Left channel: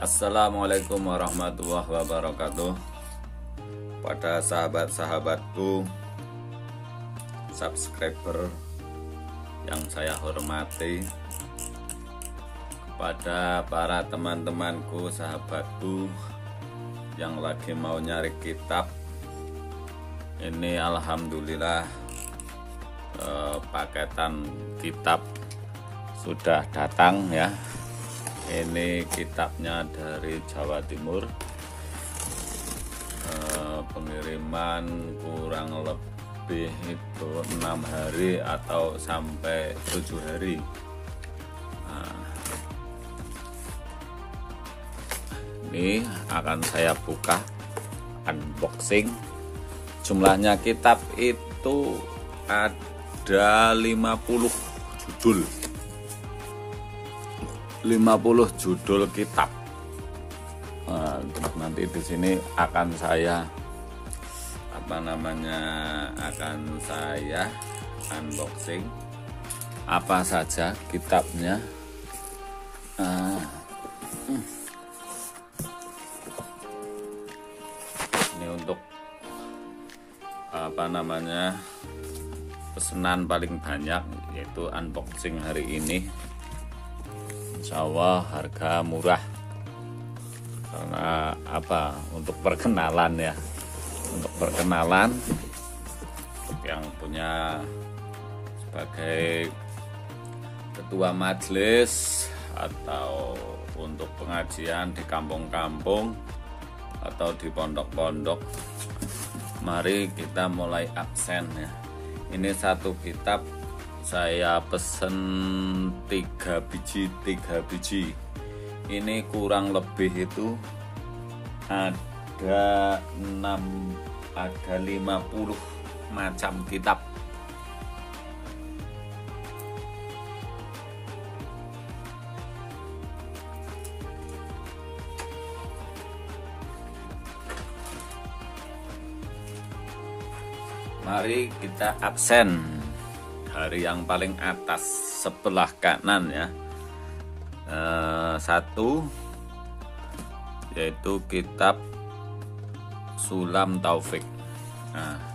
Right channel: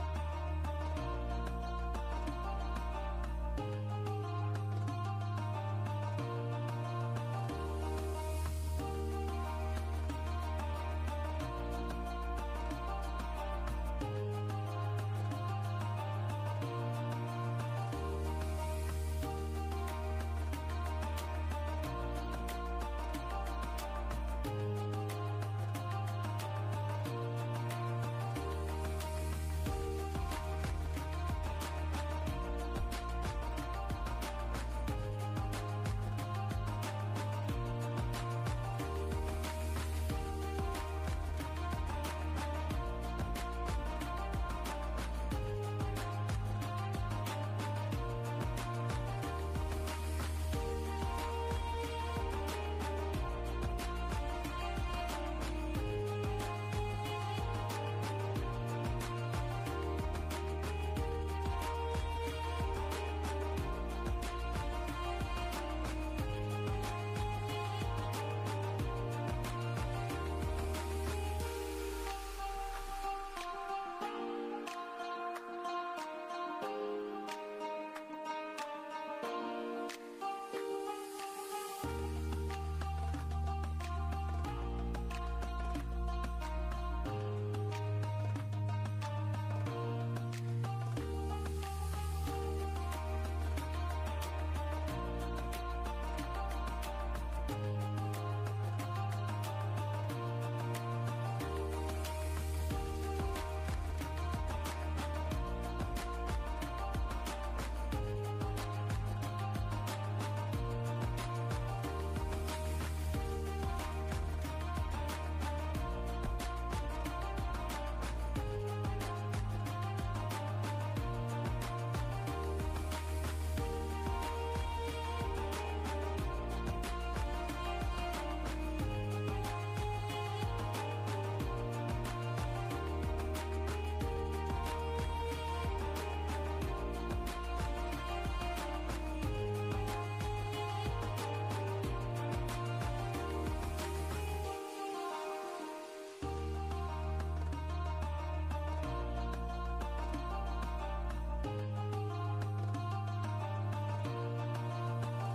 Assalamualaikum warahmatullahi wabarakatuh. Pada sahabat-sahabatku, subscriber yang saya hormati, pada para teman-temanku, sahabatku yang lagi mau nyari kitab, ini alhamdulillah paketan kitab sudah datang ya. Ini kitabnya dari Jawa Timur, pengiriman kurang lebih itu 6 hari atau sampai 7 hari. Ini akan saya buka unboxing. Jumlahnya kitab itu ada 50 judul. 50 judul kitab. Nanti di sini akan saya akan saya unboxing apa saja kitabnya. Ini untuk pesanan paling banyak, yaitu unboxing hari ini. Insya Allah harga murah, karena untuk perkenalan ya, untuk perkenalan yang punya sebagai ketua majelis atau untuk pengajian di kampung-kampung atau di pondok-pondok. Mari kita mulai absen ya. Ini satu kitab saya pesen 3 biji. Ini kurang lebih itu ada 50 macam kitab. Mari kita absen dari yang paling atas sebelah kanan ya. Satu yaitu kitab Sulam Taufik.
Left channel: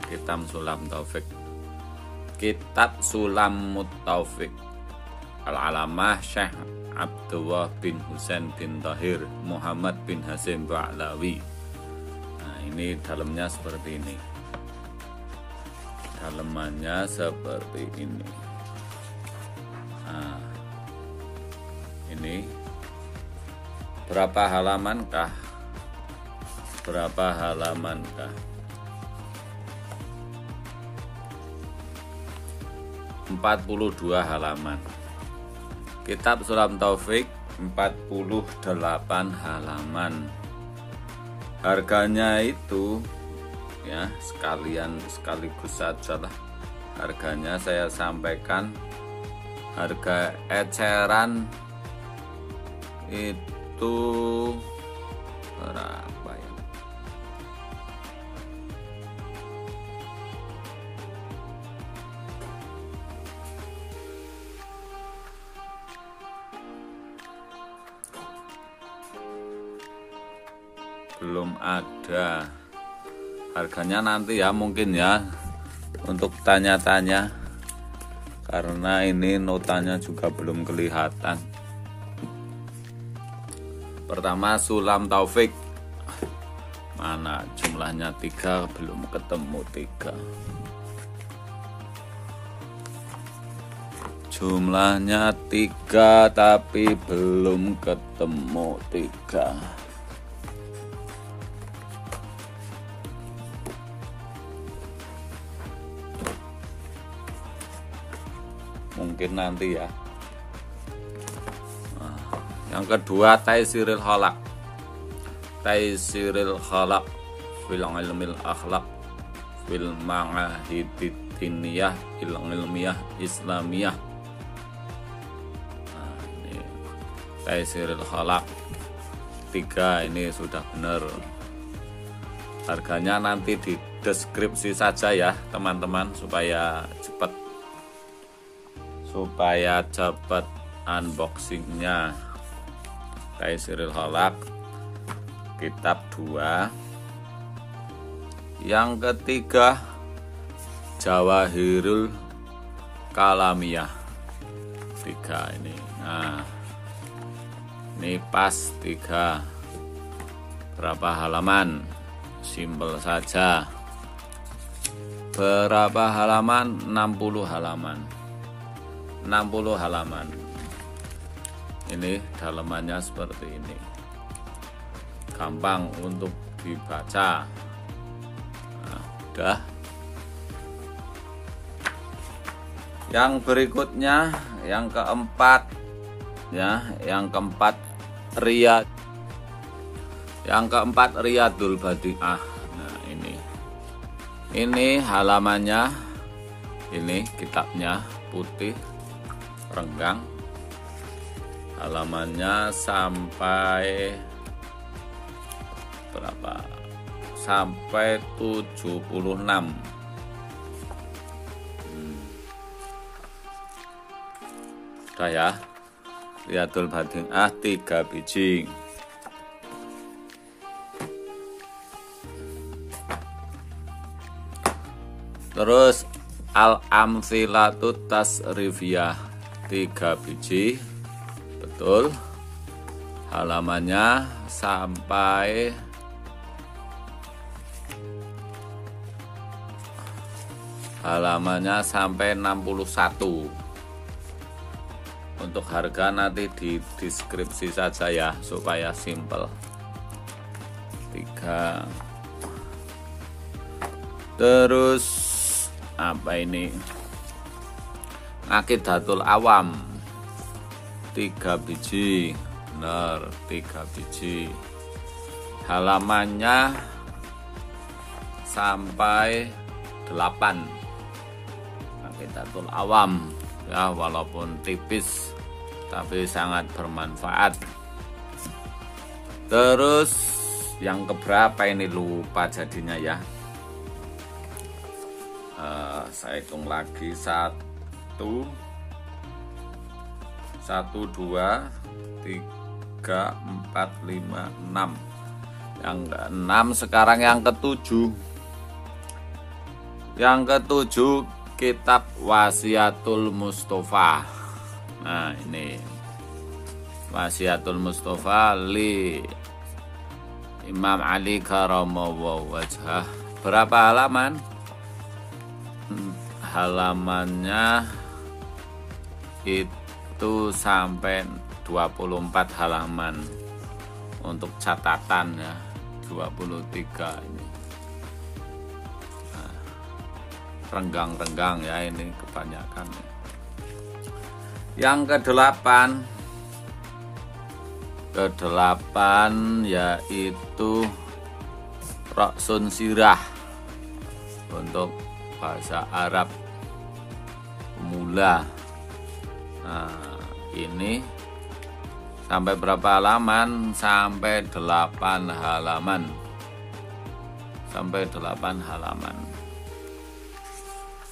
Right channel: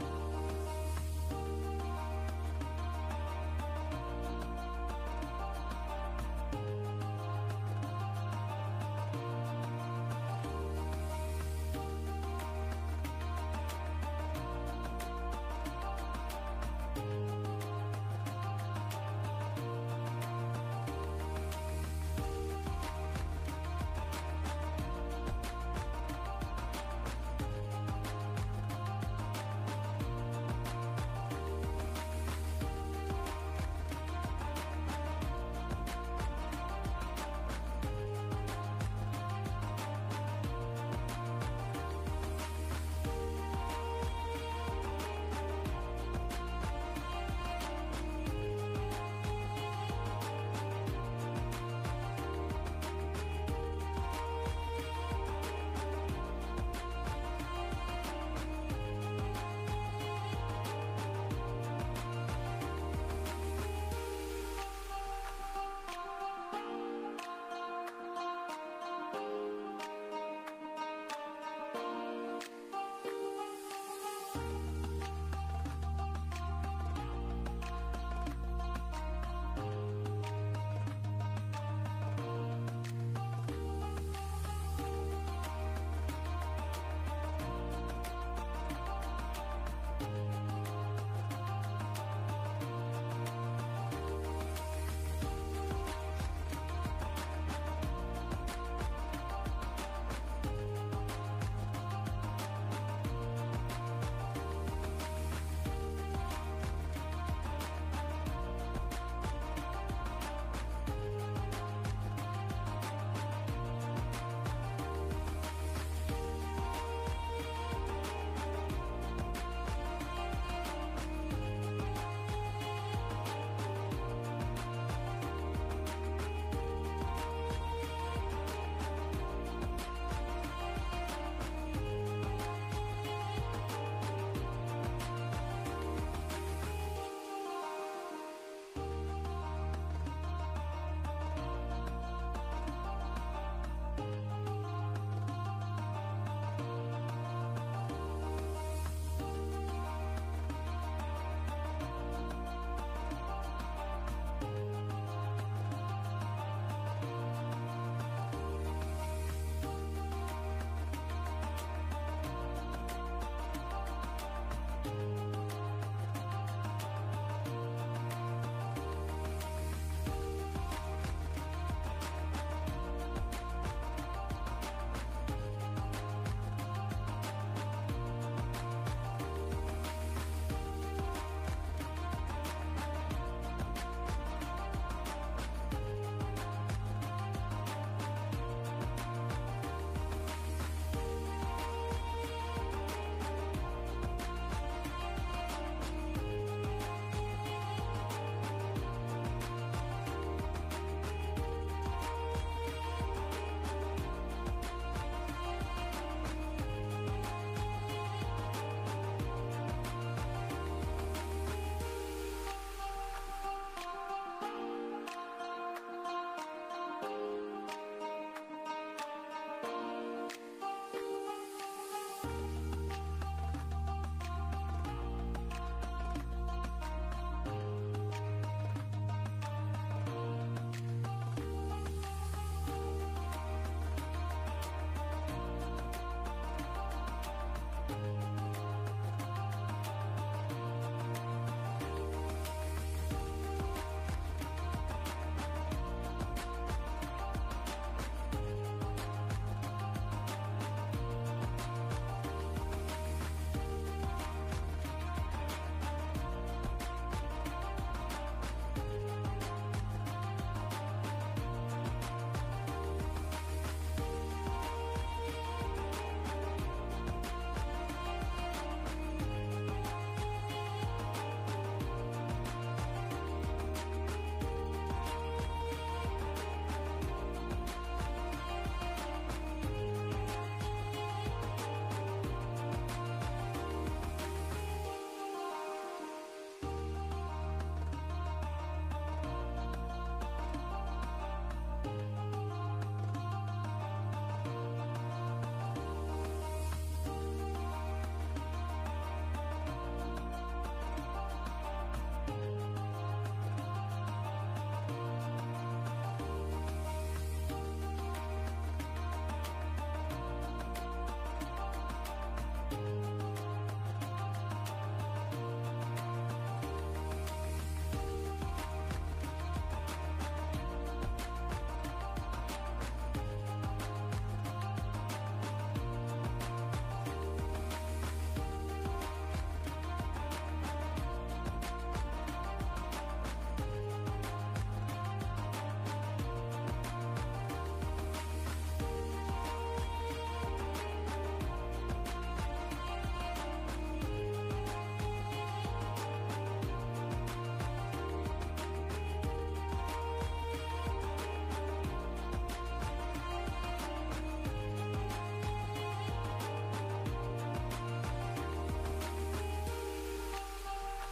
Kitab Sulam Taufik, kitab Sulam Taufik Al-Alamah Syekh Abdullah bin Husain bin Tahir Muhammad bin Hasim Ba'lawi. Ini dalamnya seperti ini. Dalamannya seperti ini. Ini berapa halamankah? 42 halaman. Kitab Sulam Taufik 48 halaman. Harganya itu ya sekaligus saja lah. Harganya saya sampaikan, harga eceran itu berapa ya? Belum ada. Harganya nanti ya, mungkin ya, untuk tanya-tanya, karena ini notanya juga belum kelihatan. Pertama Sulam Taufik, mana jumlahnya 3, belum ketemu 3. Jumlahnya 3 tapi belum ketemu 3. Mungkin nanti ya. Yang kedua Taisirul Khalaq. Taisirul Khalaq fil ilmil akhlaq fil ma'ahidid diniyah fil ilmiyah islamiyah. Taisirul Khalaq 3 ini sudah benar. Harganya nanti di deskripsi saja ya teman-teman, supaya cepat unboxingnya. Taisirul Khalaq kitab 2. Yang ketiga Jawahirul Kalamiyah 3 ini. Nah, ini pas 3. Berapa halaman? Simpel saja. Berapa halaman? 60 halaman. 60 halaman. Ini dalamannya seperti ini. Gampang untuk dibaca. Nah, udah. Yang berikutnya, yang keempat ya, yang keempat Riyadul Badi'ah. Nah, ini halamannya, ini kitabnya putih renggang, halamannya sampai berapa? Sampai 76. Udah ya, Riyadul Badi'ah 3 biji. Terus Al-Amthilatut Tasrifiyah 3 biji. Betul. Halamannya sampai halamannya sampai 61. Untuk harga nanti di deskripsi saja ya, supaya simple. 3. Terus apa ini? Aqidatul Awam 3 biji. Benar, 3 biji. Halamannya sampai 8. Aqidatul Awam ya, walaupun tipis tapi sangat bermanfaat. Terus yang keberapa ini lupa jadinya ya. Saya hitung lagi 1, 2, 3, 4, 5, 6. Yang ke-6 sekarang yang ke-7. Yang ke-7 kitab Wasiatul Mustofa. Nah, ini Wasiatul Mustofa li Imam Ali Karamallahu wajhah. Berapa halaman? Halamannya itu sampai 24 halaman. Untuk catatan ya 23. Renggang-renggang ya, ini kebanyakan. Yang ke-8 yaitu Ra'sun Sirah untuk bahasa Arab mula. Nah, ini sampai berapa halaman? Sampai 8 halaman. Sampai 8 halaman.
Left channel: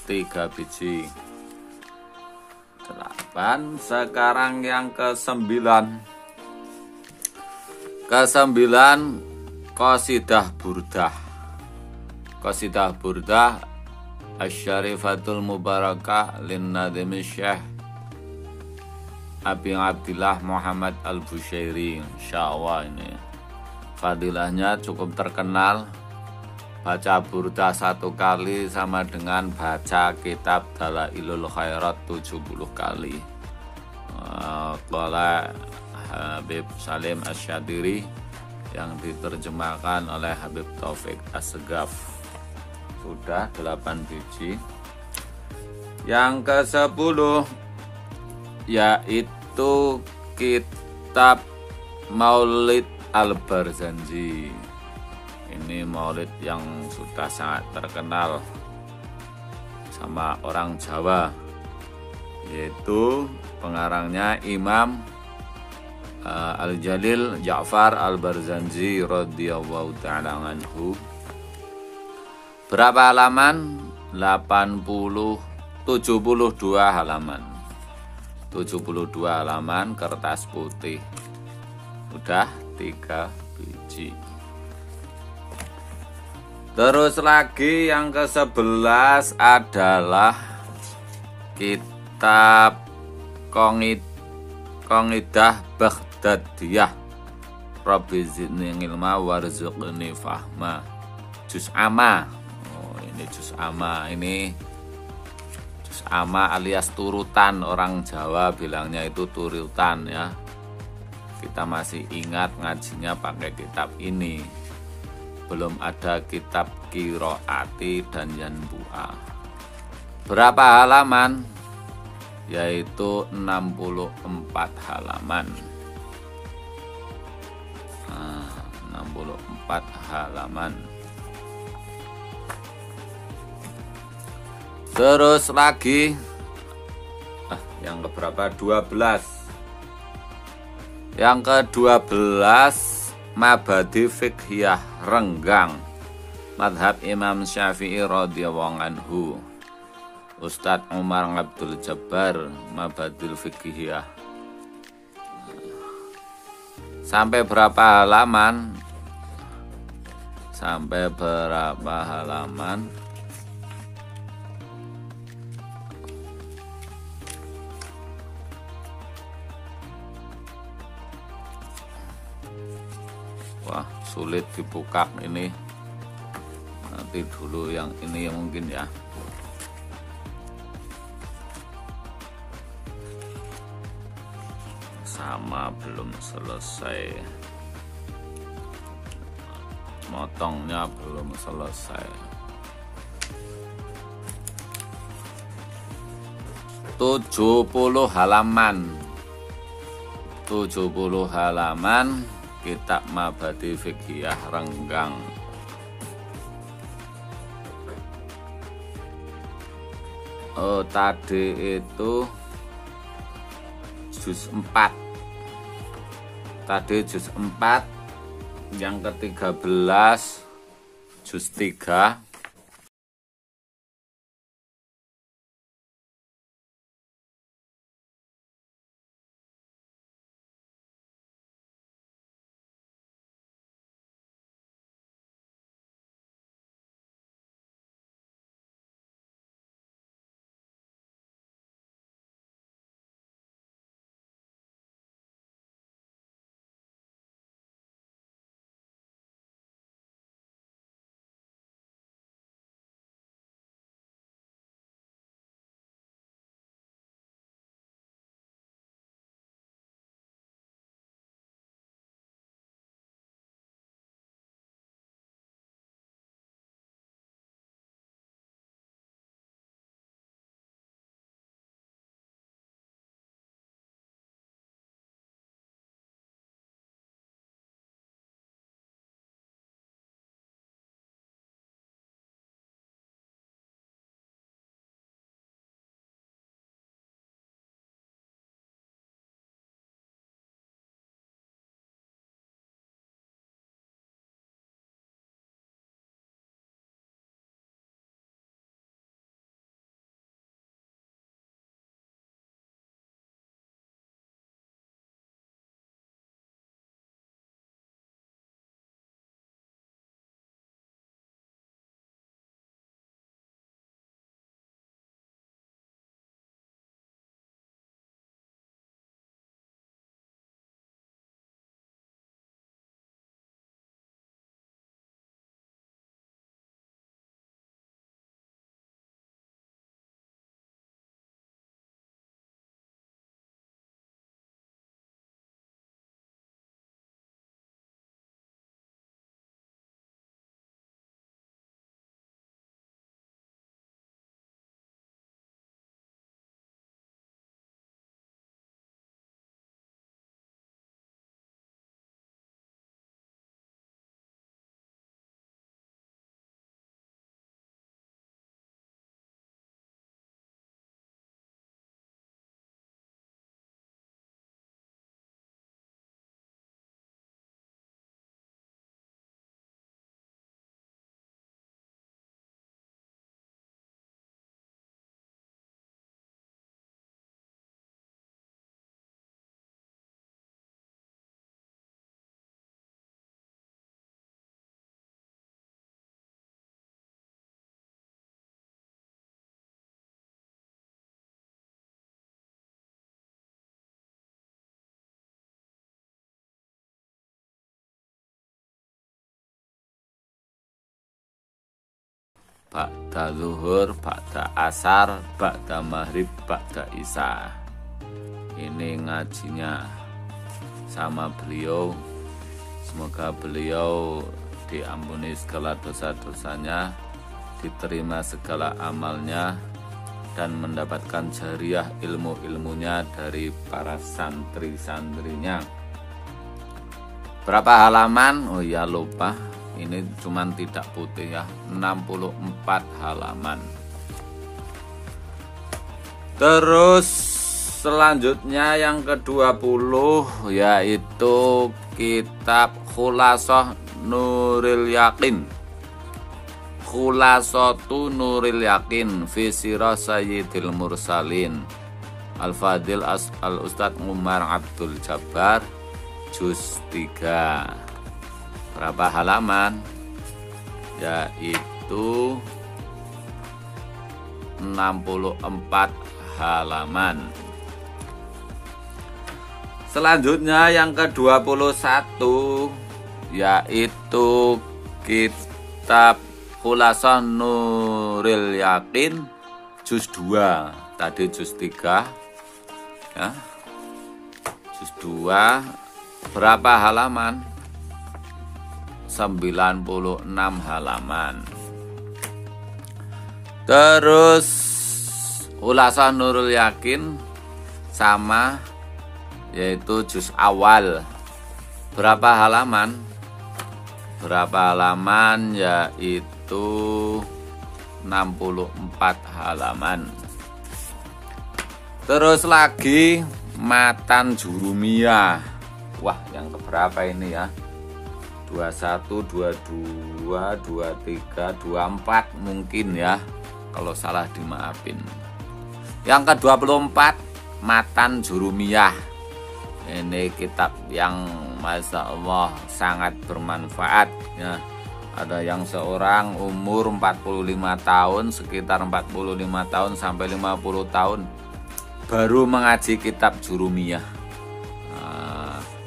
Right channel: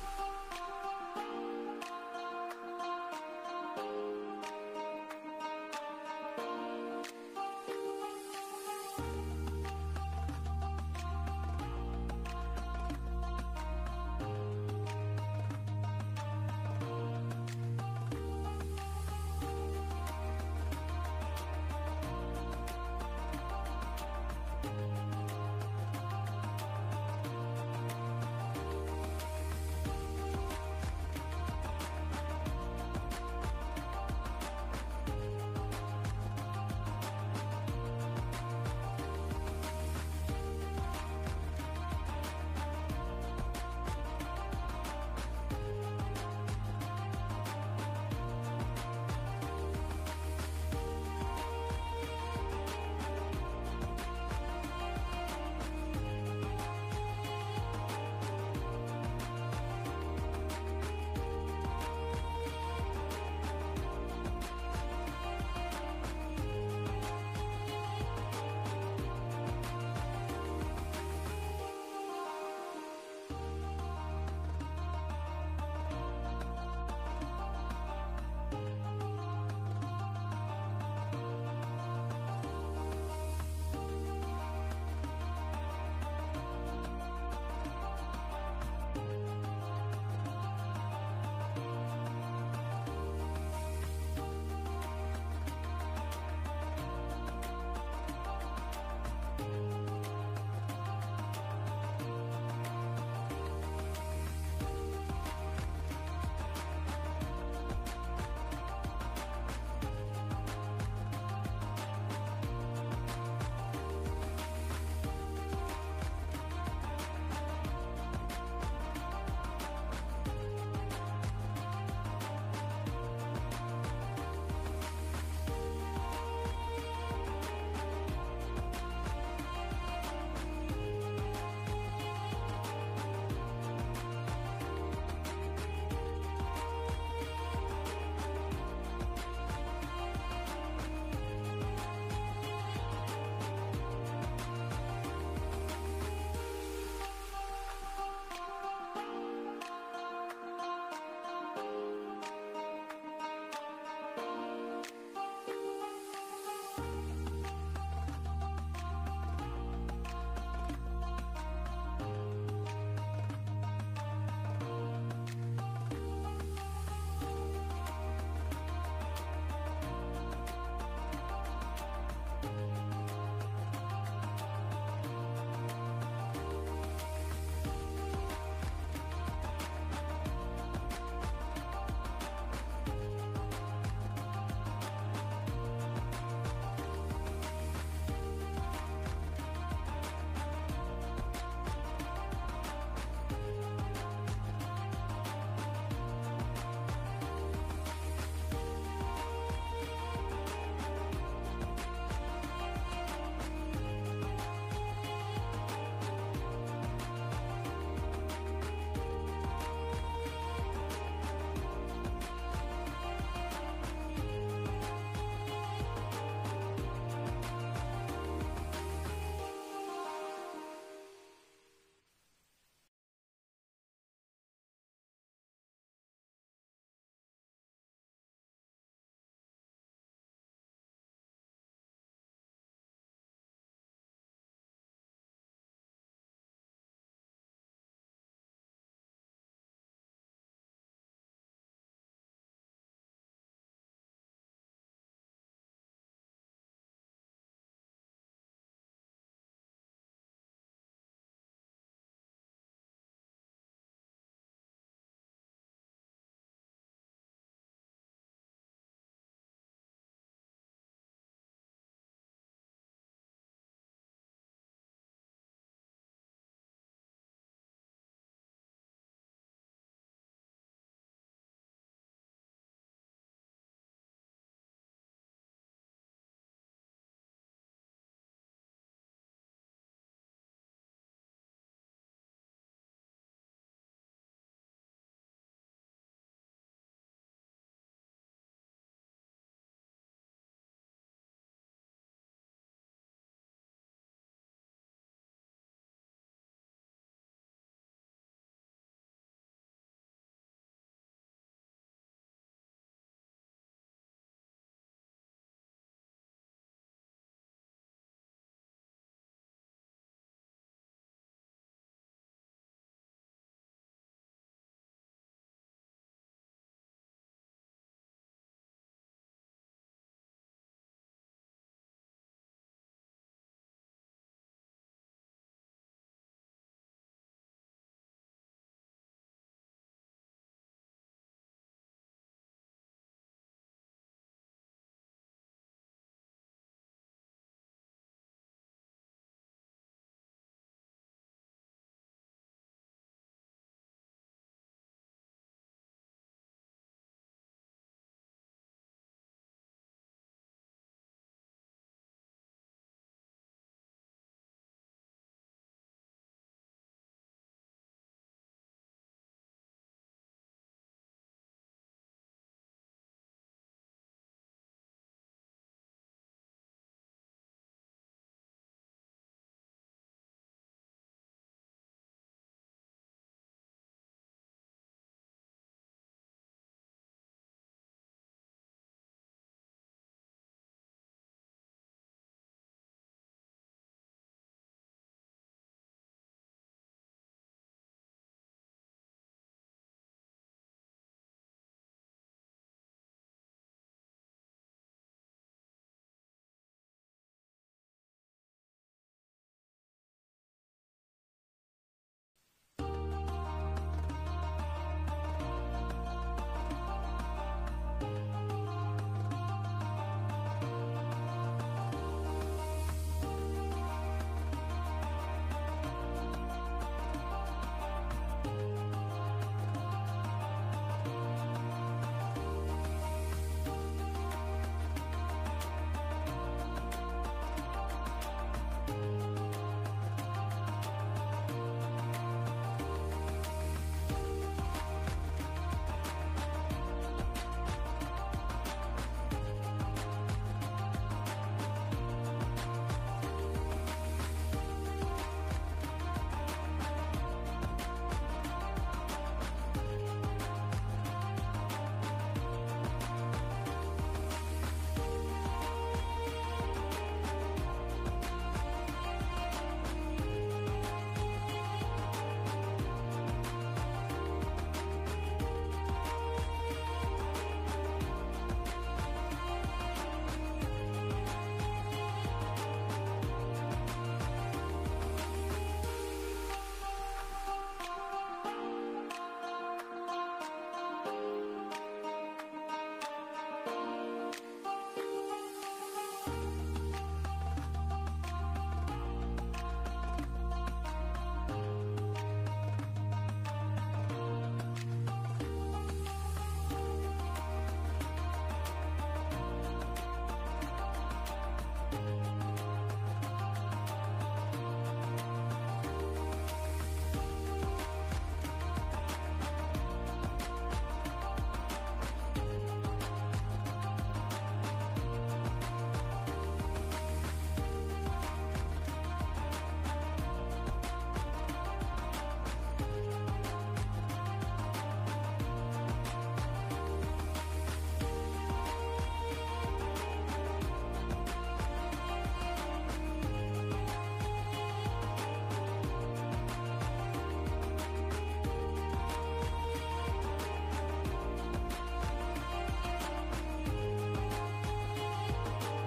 3 biji. 8. Sekarang yang ke-9. Ke-9 Qasidah Burdah. Qasidah Burdah Asy-Syarifatul Mubarakah lin-Nadhim Syekh Abi Abdillah Muhammad Al-Bushairi. Insyaallah ini fadilahnya cukup terkenal. Baca burdah 1 kali sama dengan baca kitab Dalailul Khairat 70 kali. Qala Habib Salim Asy-Syadiri yang diterjemahkan oleh Habib Taufik As-Segaf. Sudah 8 biji. Yang ke-10 yaitu kitab Maulid Al-Barzanji. Ini maulid yang sudah sangat terkenal sama orang Jawa, yaitu pengarangnya Imam Al-Jalil Ja'far Al-Barzanji radhiyallahu ta'ala anhu. Berapa halaman? 72 halaman. 72 halaman kertas putih. sudah 3 biji. Terus lagi yang ke-11 adalah kitab Qaidah Baghdadiyah Rabbi zidni ilma warzuqni fahma, juz amma. Ini juz amma, ini juz amma alias turutan, orang Jawa bilangnya itu turutan ya. Kita masih ingat ngajinya pakai kitab ini. Belum ada kitab Qiraati dan Yanbu'a. Berapa halaman? Yaitu 64 halaman. 64 halaman. Terus lagi yang keberapa? 12. Yang ke-12 Mabadi Fiqhiyah Renggang Madhab Imam Syafi'i radhiyallahu anhu, Ustadz Umar Abdul Jabbar, Mabadil Fiqhiyah. Sampai berapa halaman? Sampai berapa halaman? Wah, sulit dibuka ini. Nanti dulu yang ini mungkin ya. Sama belum selesai. Motongnya belum selesai. 70 halaman. 70 halaman kitab Mabadi Fiqhiyah Renggang. Oh, tadi itu juz 4. Tadi juz 4, yang ke-13 juz 3. ba'da zuhur, ba'da asar, ba'da maghrib, ba'da isya. Ini ngajinya sama beliau. Semoga beliau diampuni segala dosa-dosanya, diterima segala amalnya, dan mendapatkan jariah ilmu-ilmunya dari para santri-santrinya. Berapa halaman? Oh ya, lupa. Ini cuman tidak putih ya, 64 halaman. Terus selanjutnya yang ke-20 yaitu kitab Khulasah Nuril Yakin. Khulasatu Nuril Yakin fi Sirah Sayyidil Mursalin Al-Fadil Al-Ustadz Umar Abdul Jabbar, juz 3. Berapa halaman? Yaitu 64 halaman. Selanjutnya yang ke-21 yaitu kitab Khulasah Nuril Yakin, juz 2. Tadi juz 3 ya. Juz 2 berapa halaman? 96 halaman. Terus Khulasah Nuril Yakin sama, yaitu juz awal. Berapa halaman? Berapa halaman? Yaitu 64 halaman. Terus lagi Matan Jurumiyah. Wah, yang keberapa ini ya? 21, 22, 23, 24 mungkin ya. Kalau salah dimaafin. Yang ke-24 Matan Jurumiyah. Ini kitab yang Masya Allah sangat bermanfaat ya. Ada yang seorang umur 45 tahun, sekitar 45 tahun sampai 50 tahun baru mengaji kitab Jurumiyah.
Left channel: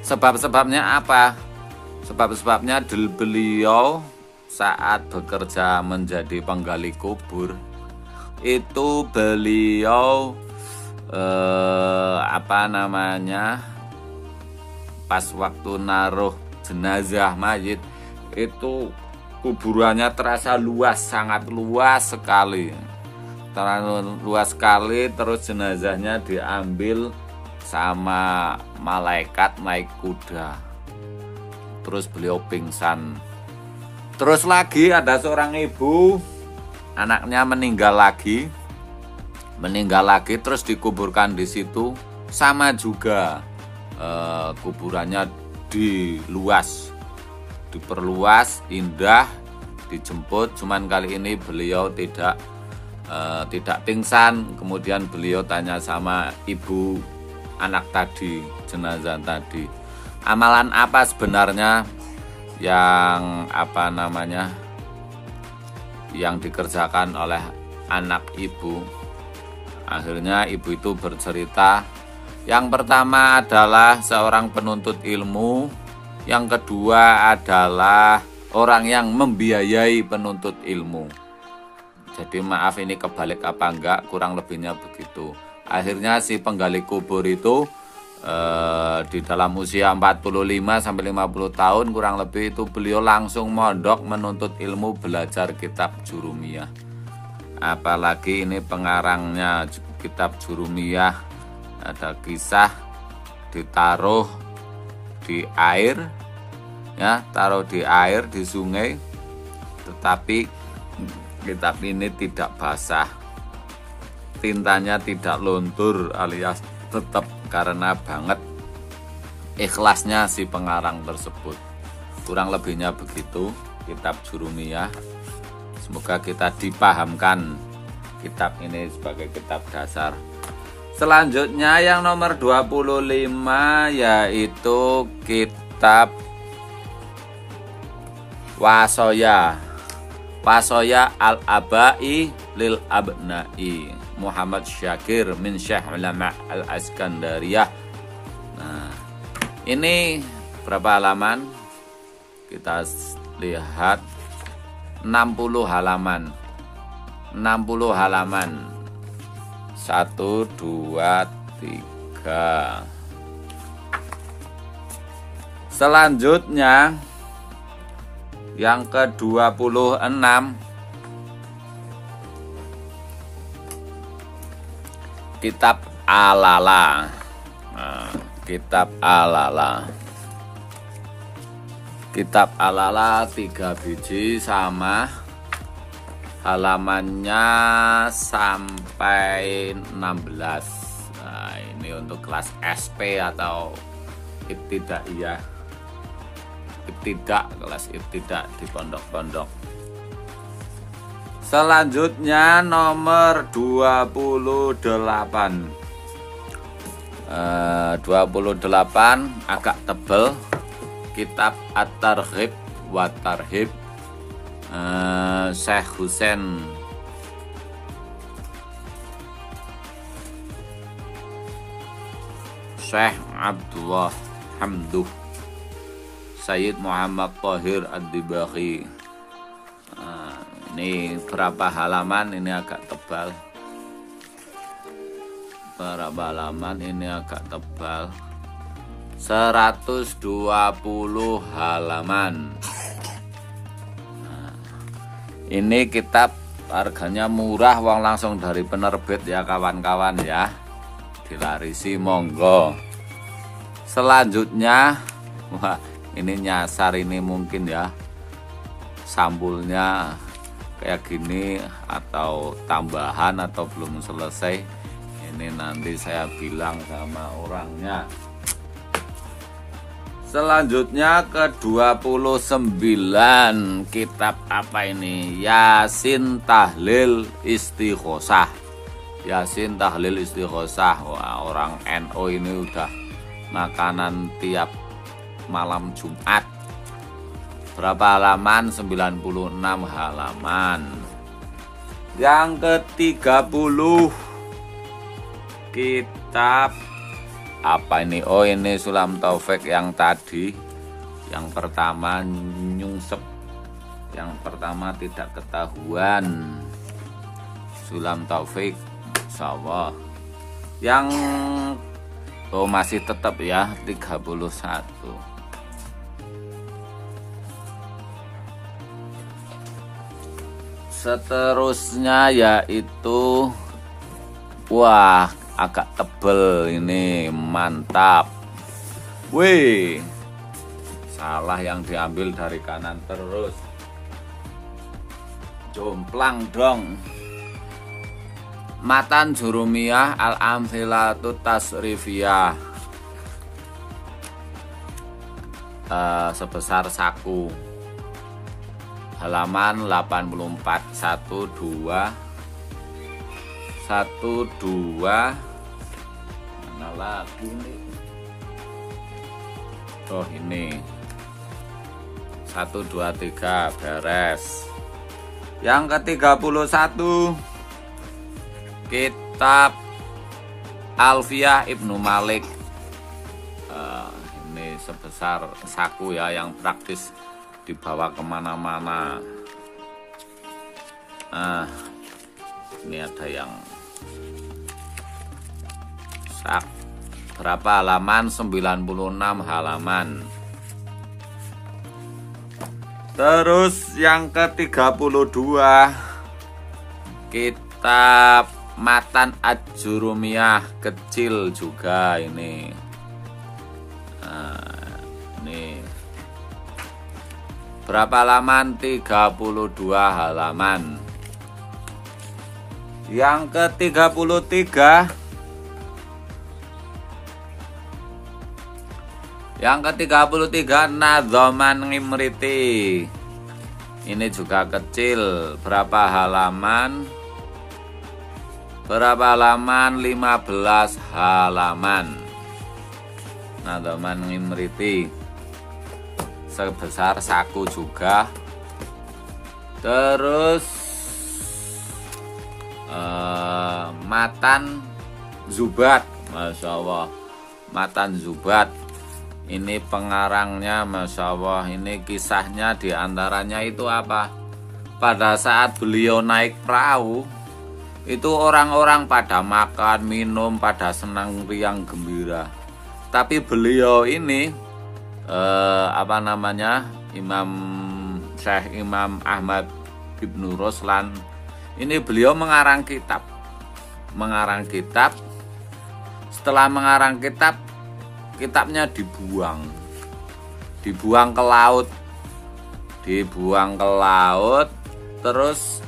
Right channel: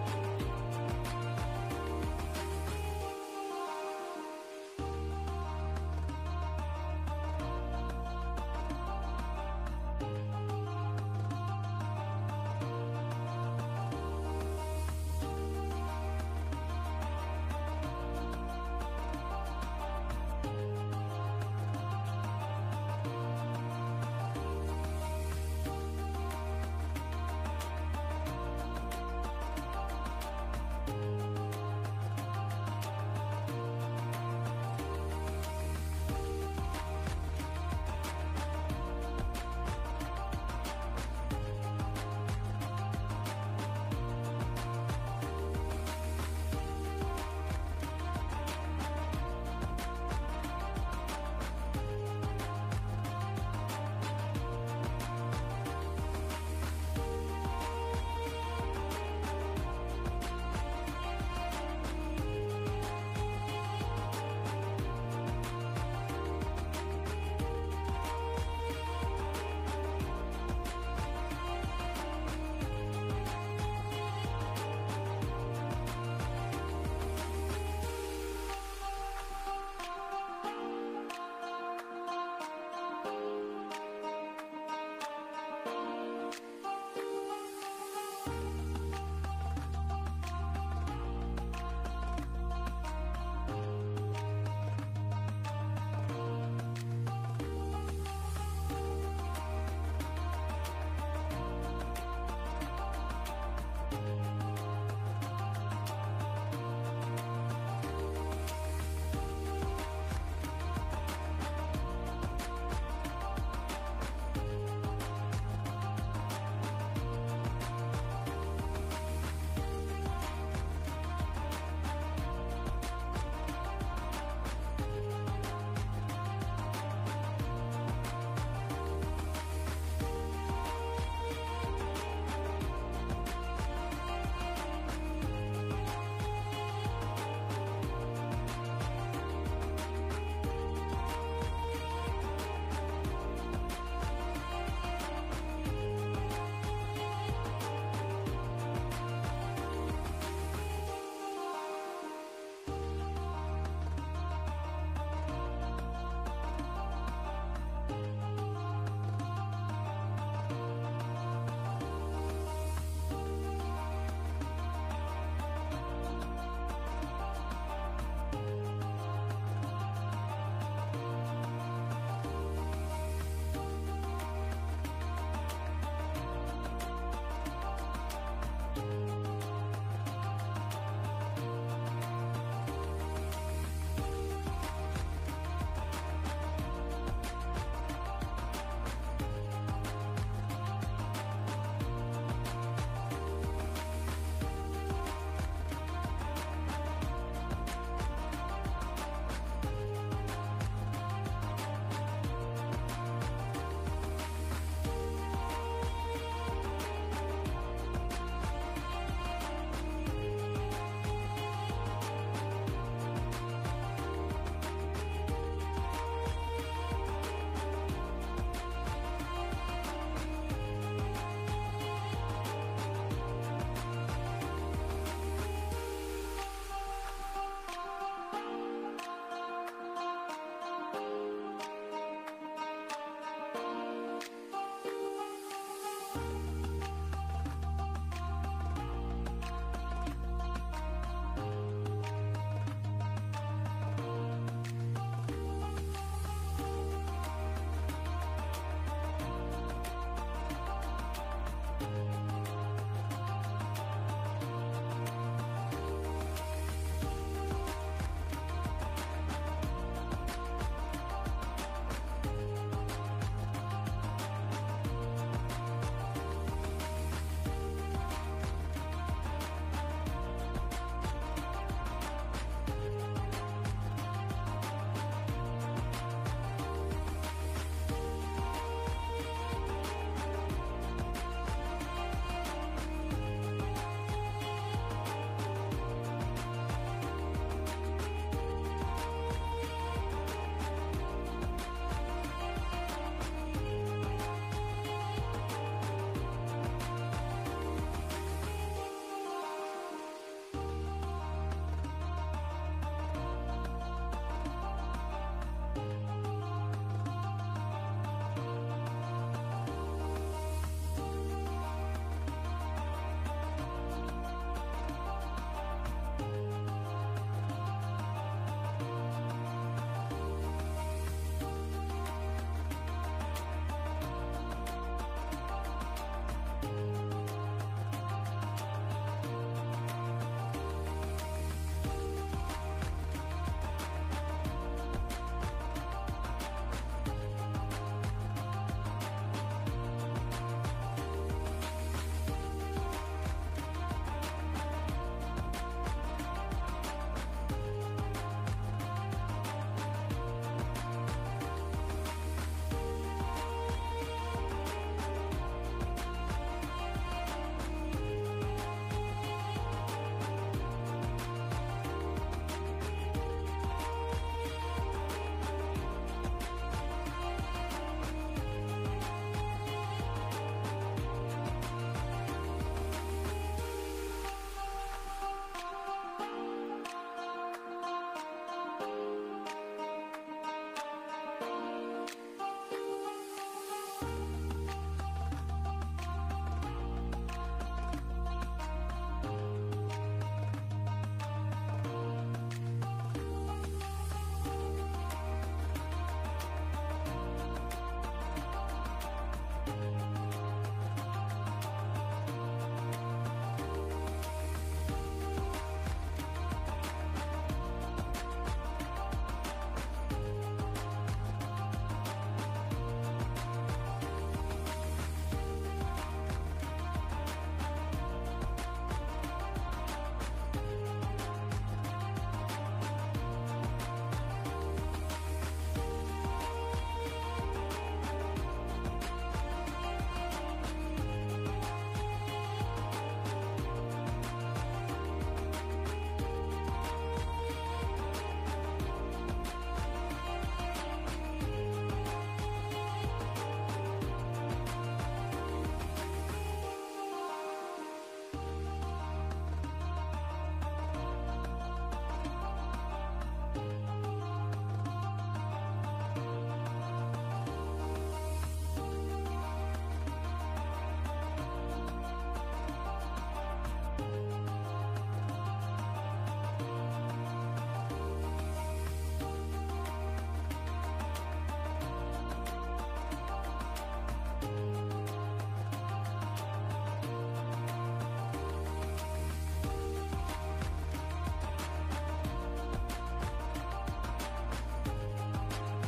Sebab-sebabnya apa? Sebab-sebabnya beliau saat bekerja menjadi penggali kubur itu beliau pas waktu naruh jenazah mayit itu kuburannya terasa luas, sangat luas sekali. Terlalu luas sekali, terus jenazahnya diambil sama malaikat naik kuda. Terus beliau pingsan. Terus lagi ada seorang ibu, anaknya meninggal lagi terus dikuburkan di situ, sama juga kuburannya diperluas, indah, dijemput. Cuman kali ini beliau tidak pingsan. Kemudian beliau tanya sama ibu anak tadi, jenazah tadi, amalan apa sebenarnya yang dikerjakan oleh anak ibu. Akhirnya ibu itu bercerita, yang pertama adalah seorang penuntut ilmu, yang kedua adalah orang yang membiayai penuntut ilmu. Jadi maaf ini kebalik apa enggak, kurang lebihnya begitu. Akhirnya si penggali kubur itu di dalam usia 45 sampai 50 tahun kurang lebih itu beliau langsung mondok menuntut ilmu, belajar kitab Jurumiyah. Apalagi ini pengarangnya kitab Jurumiyah, ada kisah ditaruh di air ya, taruh di air di sungai, tetapi kitab ini tidak basah, tintanya tidak luntur alias tetap, karena banget ikhlasnya si pengarang tersebut. Kurang lebihnya begitu kitab Jurumiyah. Semoga kita dipahamkan kitab ini sebagai kitab dasar. Selanjutnya yang nomor 25 yaitu kitab Wasoya Al-Abai Lil Abnai Muhammad Syakir min Syekh Ulama Al-Askandariyah. Nah, ini berapa halaman? Kita lihat 60 halaman. 60 halaman. 1, 2, 3. Selanjutnya yang ke-26, kitab Al-Lala. Kitab Al-Lala. Kitab Al-Lala 3 biji sama halamannya sampai 16. Nah, ini untuk kelas SP atau ibtidaiyah. Kelas ibtidak di pondok-pondok. Selanjutnya nomor 28. 28 agak tebel. Kitab At-Targhib wa Tarhib, Syekh Husain Syekh Abdullah Hamduh Sayyid Muhammad Thahir Ad-Dibaghi. Ini berapa halaman, ini agak tebal. Berapa halaman, ini agak tebal. 120 halaman. Ini kitab harganya murah, wong langsung dari penerbit ya kawan-kawan ya. Dilarisi monggo. Selanjutnya, wah ini nyasar, ini mungkin ya sampulnya kayak gini atau tambahan atau belum selesai. Ini nanti saya bilang sama orangnya. Selanjutnya ke-29, kitab apa ini? Yasin Tahlil Istighosah. Yasin Tahlil Istighosah. Wah, orang NU ini udah makanan tiap malam Jumat. Berapa halaman? 96 halaman. Yang ke-30, kitab apa ini? Oh, ini Sulam Taufik yang tadi. Yang pertama nyungsep, yang pertama tidak ketahuan. Sulam Taufik, insyaallah. Yang masih tetap ya 31. Seterusnya yaitu, wah agak tebel ini, mantap. Wih, salah yang diambil dari kanan terus, jomplang dong. Matan Jurumiyah Al-Amthilatut Tasrifiyah, sebesar saku, halaman 84. 12 mana lagi? Oh ini 1, 2, 3 beres. Yang ke-31, kitab Alfiyah Ibnu Malik. Ini sebesar saku ya, yang praktis dibawa kemana-mana. Ini ada yang sak. Berapa halaman? 96 halaman. Terus yang ke-32, kitab Matan Ad-Jurumiyah, kecil juga ini. Ini berapa halaman? 32 halaman. Yang ke-33, Nadzoman Ngimriti. Ini juga kecil. Berapa halaman? 15 halaman. Nadzoman Ngimriti, sebesar saku juga. Terus Matan Zubat, Masya Allah. Matan Zubat, ini pengarangnya Masya Allah. Ini kisahnya diantaranya itu apa? pada saat beliau naik perahu itu orang-orang pada makan, minum, pada senang riang gembira. Tapi beliau ini Imam Syekh Imam Ahmad Ibnu Ruslan ini beliau mengarang kitab. Setelah mengarang kitab, kitabnya dibuang ke laut. Terus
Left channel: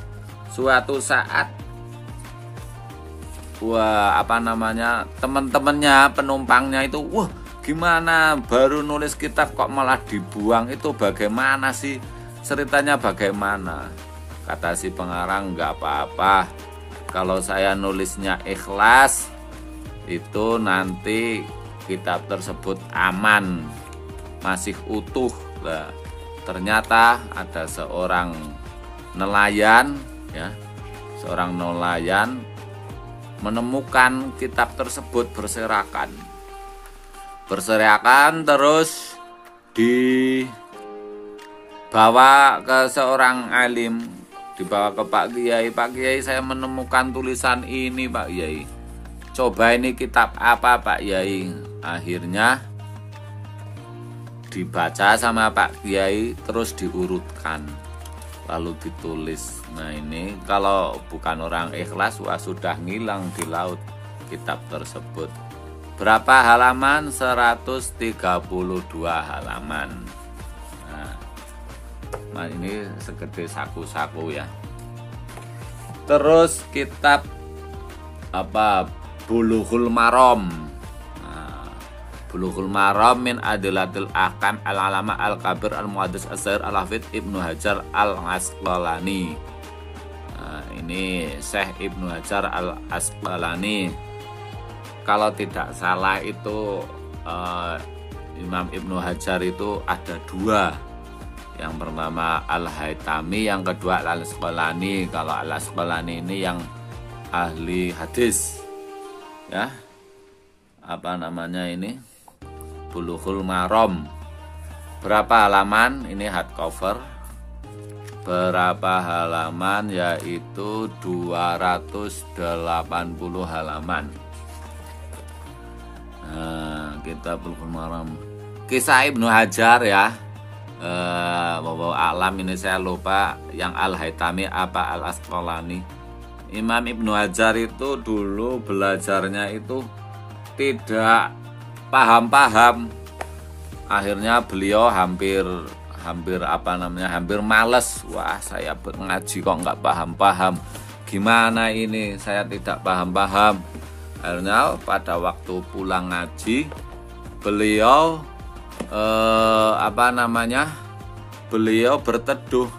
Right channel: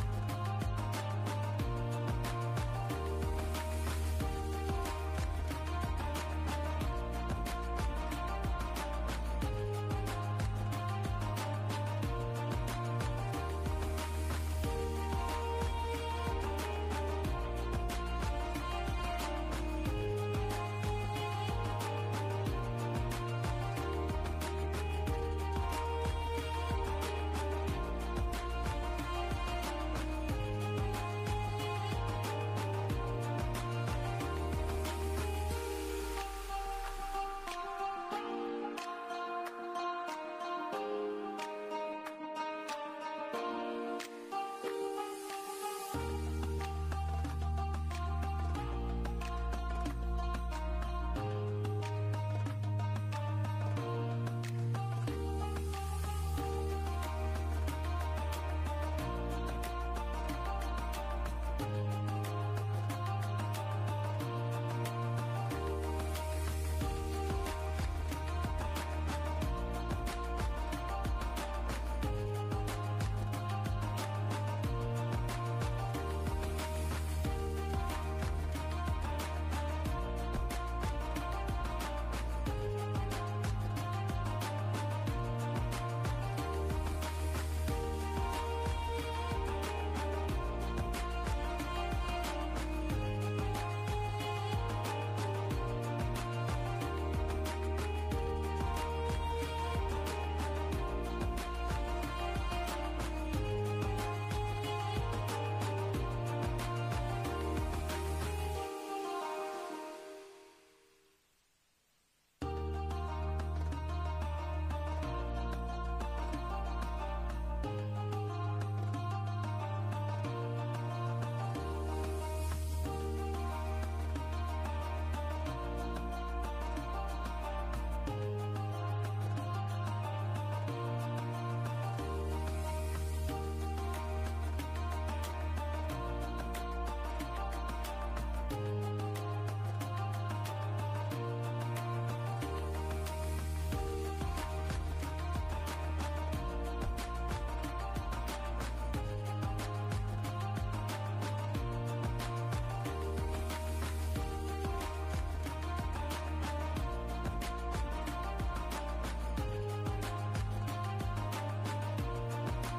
suatu saat teman-temannya, penumpangnya itu, wah gimana baru nulis kitab kok malah dibuang, itu bagaimana sih ceritanya, bagaimana? Kata si pengarang, nggak apa-apa, kalau saya nulisnya ikhlas itu nanti kitab tersebut aman, masih utuh. Nah, ternyata ada seorang nelayan menemukan kitab tersebut berserakan, terus dibawa ke seorang alim, dibawa ke Pak Kiai, saya menemukan tulisan ini Pak Kiai, coba ini kitab apa Pak Kiai. Akhirnya dibaca sama Pak Kiai, terus diurutkan, lalu ditulis. Nah ini kalau bukan orang ikhlas, sudah ngilang di laut kitab tersebut. Berapa halaman? 132 halaman. Nah ini segede saku-saku ya. Terus kitab Bulughul Maram. Bulughul Maram min Adilatil Ahkam al-Alama al-Kabir al-Muhaddits az-Zahir al-Hafidz Ibnu Hajar al-Asqalani. Nah, ini Syekh Ibnu Hajar al-Asqalani. Kalau tidak salah itu Imam Ibnu Hajar itu ada dua. Yang pertama Al-Haytami, yang kedua Al-Asqalani. Kalau Al-Asqalani ini yang ahli hadis. Ya. Ini? Bulughul Maram. Berapa halaman? Ini hardcover. Berapa halaman? Yaitu 280 halaman. Nah, kita Bulughul Maram. Kisah Ibnu Hajar ya. Bawa alam ini saya lupa yang Al-Haytami apa Al-Asqalani. Imam Ibnu Hajar itu dulu belajarnya itu tidak paham. Akhirnya beliau hampir males. Wah, saya ngaji kok nggak paham. Gimana ini? Saya tidak paham. Akhirnya pada waktu pulang ngaji, beliau beliau berteduh.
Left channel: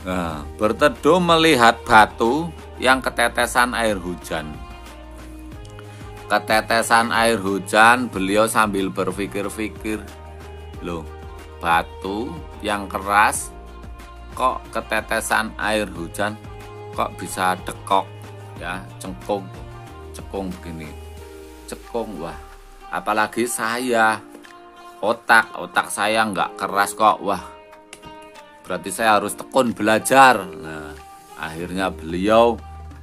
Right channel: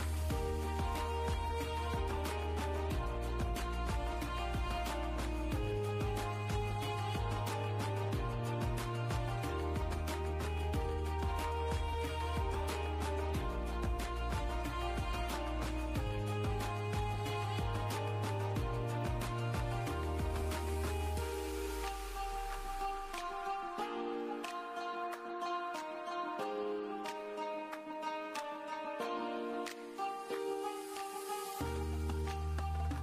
Nah, berteduh melihat batu yang ketetesan air hujan. Beliau sambil berpikir-pikir, loh, batu yang keras kok ketetesan air hujan, kok bisa dekok ya, cekung gini, wah, apalagi saya otak saya nggak keras kok, wah, berarti saya harus tekun belajar. Nah, akhirnya beliau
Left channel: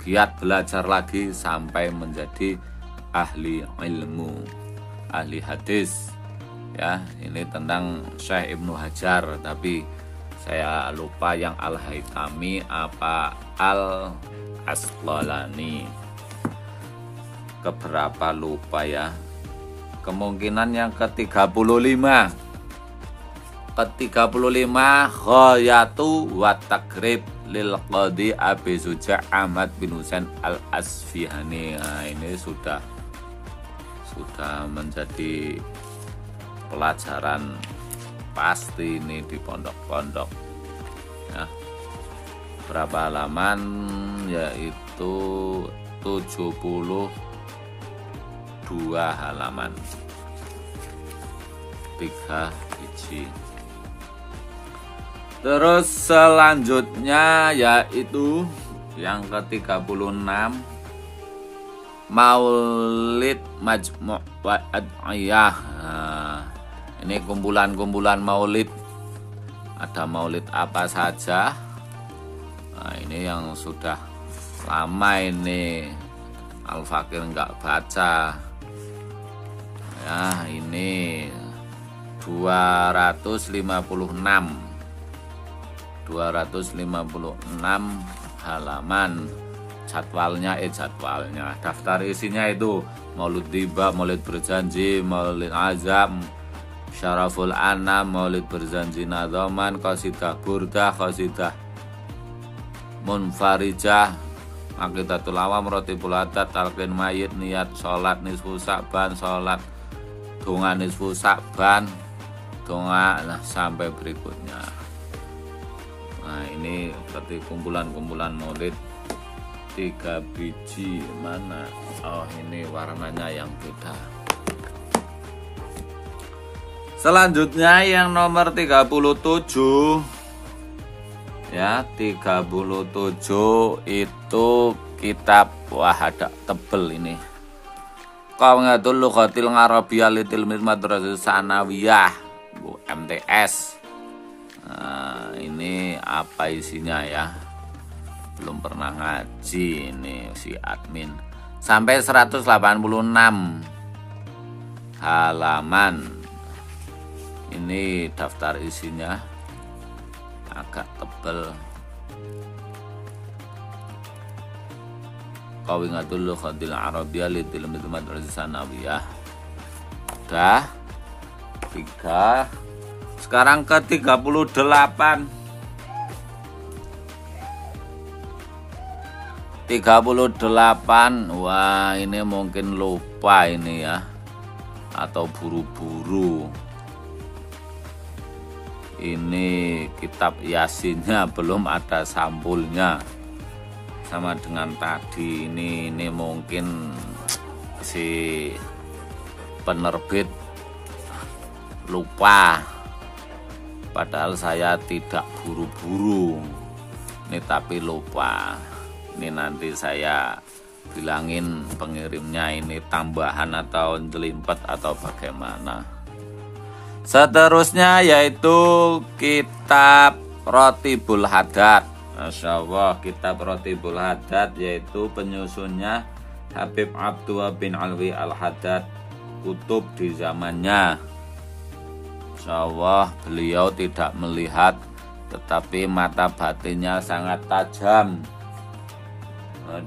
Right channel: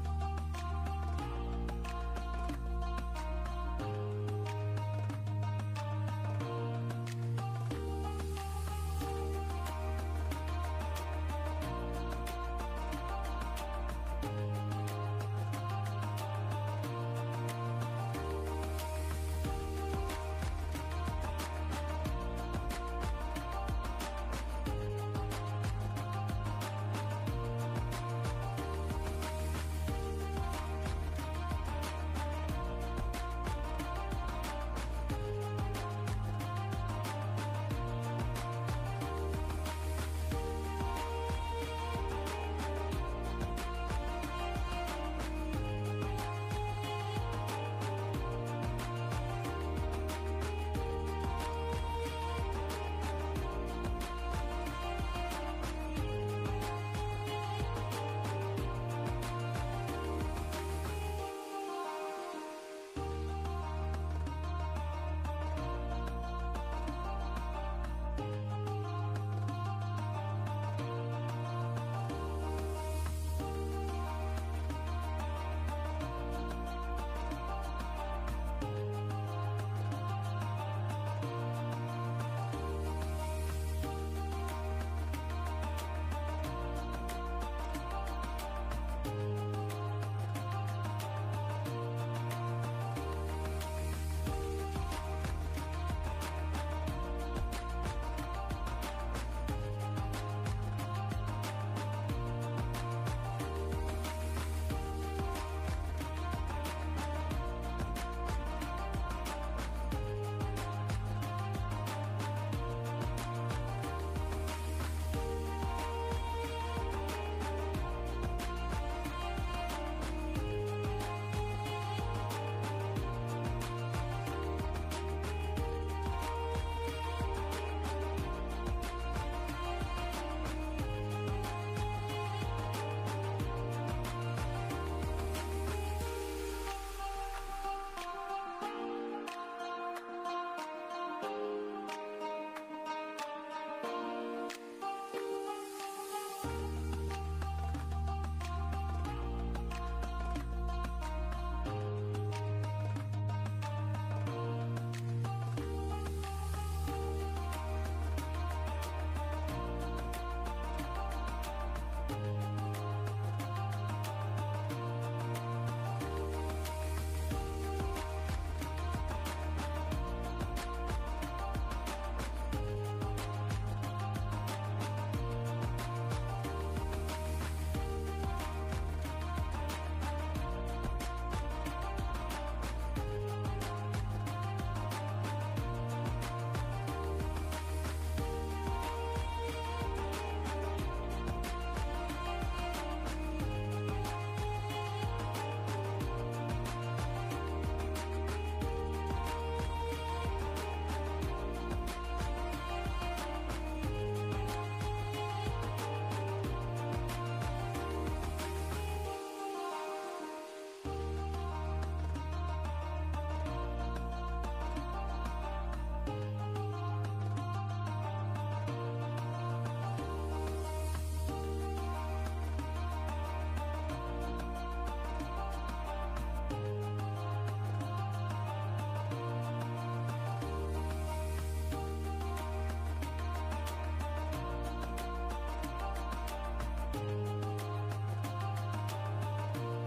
giat belajar lagi sampai menjadi ahli ilmu, ahli hadis ya. Ini tentang Syekh Ibnu Hajar, tapi saya lupa yang Al-Haytami apa Al-Asqalani, keberapa lupa ya. Kemungkinan yang ke-35 Ghayatu wa Takrib lil Qadhi Abi Suja' Ahmad bin Husain al-Asfihani. Nah, ini sudah menjadi pelajaran pasti ini di pondok-pondok ya. Berapa halaman? Yaitu 72 halaman, 3 biji. Terus selanjutnya yaitu yang ke-36 Maulid Majmu' wa Ad'iyah. Nah, ini kumpulan-kumpulan maulid. Ada maulid apa saja? ini yang sudah lama ini Al-Fakir nggak baca ya. Ini 256 halaman. Jadwalnya daftar isinya itu Maulid Tiba, Maulid Berjanji, Maulid Azam, Syaraful Anam, Maulid Berjanji Nadhaman, Qasidah Burdah, Qasidah Munfarijah, Aqidatul Awam, Rotibul Haddad, Talqin Mayit, Niat Sholat Nisfu Sa'ban, Sholat Donga Nisfu Sa'ban, Donga, nah sampai berikutnya. Nah ini seperti kumpulan-kumpulan maulid 3 biji. Mana? Oh ini warnanya yang beda. Selanjutnya yang nomor 37 ya, 37 itu kitab, wah ada tebel ini, Qawaidul Lughatil Arabiyyah li Tilmiz Madrasah Tsanawiyah MTS. Nah, ini apa isinya ya? Belum pernah ngaji ini si admin. Sampai 186 halaman. Ini daftar isinya agak tebel. Qawaidul Lughatil Arabiyyah li Tilmiz Madrasah Tsanawiyah. Udah 3. Sekarang ke 38. 38. Wah, ini mungkin lupa ini ya, atau buru-buru. Ini kitab Yasinnya belum ada sampulnya. Sama dengan tadi ini mungkin si penerbit lupa. Padahal saya tidak buru-buru. Ini tapi lupa. Ini nanti saya bilangin pengirimnya ini tambahan atau jelimpet atau bagaimana. Seterusnya yaitu kitab Rotibul Haddad. Masya Allah, kitab Rotibul Haddad yaitu penyusunnya Habib Abdullah bin Alwi Al-Haddad, kutub di zamannya. Masya Allah, beliau tidak melihat, tetapi mata batinnya sangat tajam.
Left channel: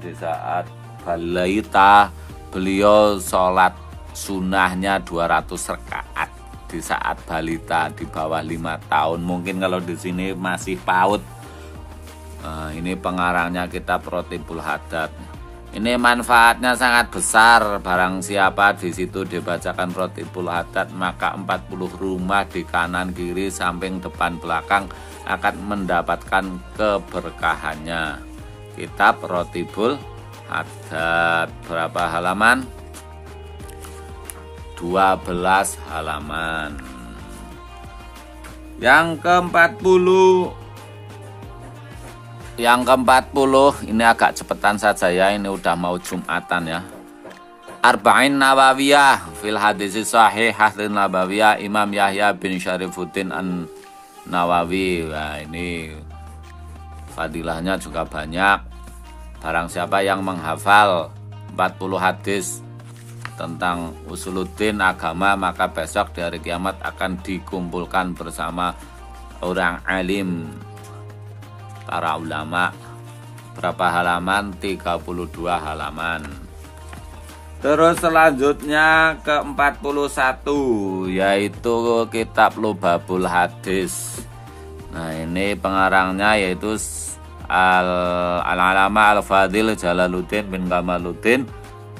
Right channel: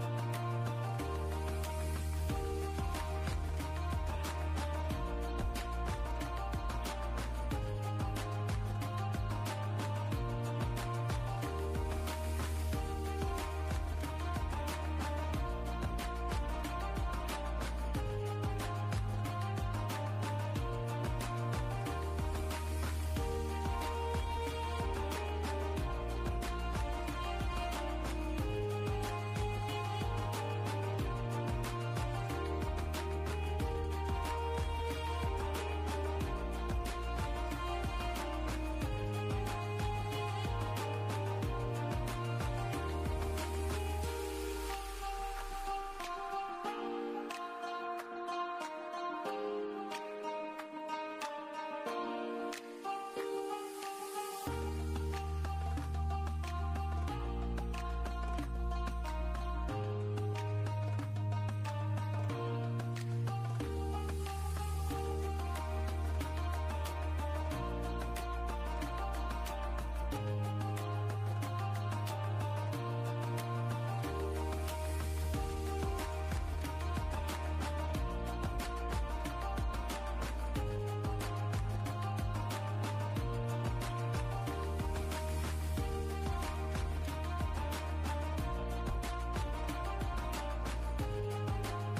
Di saat balaita, beliau sholat sunnahnya 200 rakaat. Di saat balita di bawah 5 tahun, mungkin kalau di sini masih PAUD. Nah, ini pengarangnya kitab Rotibul Haddad. Ini manfaatnya sangat besar. Barang siapa di situ dibacakan Rotibul Haddad, maka 40 rumah di kanan kiri samping depan belakang akan mendapatkan keberkahannya. Kitab Rotibul Haddad berapa halaman? 12 halaman. Yang ke-40 ini agak cepetan saja ya, ini udah mau Jumatan ya. Arba'in Nawawiyah fil hadis sahih Hadin Nabawiyah Imam Yahya bin Syarifuddin An-Nawawi. Nah, ini fadilahnya juga banyak. Barang siapa yang menghafal 40 hadis tentang usuluddin agama, maka besok di hari kiamat akan dikumpulkan bersama orang alim, para ulama. Berapa halaman? 32 halaman. Terus selanjutnya ke 41 yaitu kitab Lubabul Hadis. Nah, ini pengarangnya yaitu Al-Alama Al-Fadil Jalaluddin bin Kamaluddin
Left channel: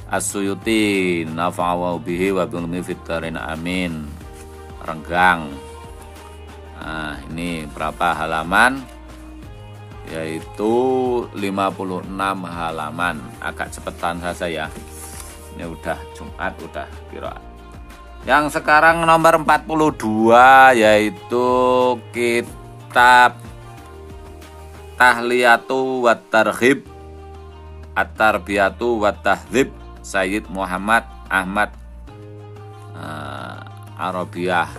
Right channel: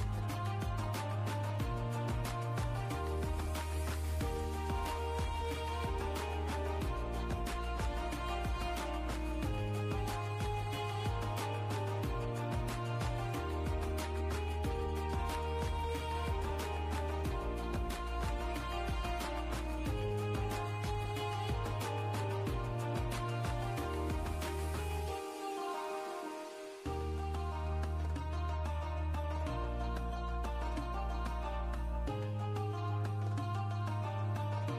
As-Suyuti nafa'ahu bihi wa bil fitarin amin. Renggang. Nah, ini berapa halaman? Yaitu 56 halaman. Agak cepetan saja ya. Ini udah Jumat, udah kira. Yang sekarang nomor 42 yaitu kitab Tahliyatu wa Targhib At-Tarbiyatu wa Tahdzib Sayyid Muhammad Ahmad Arabiyah.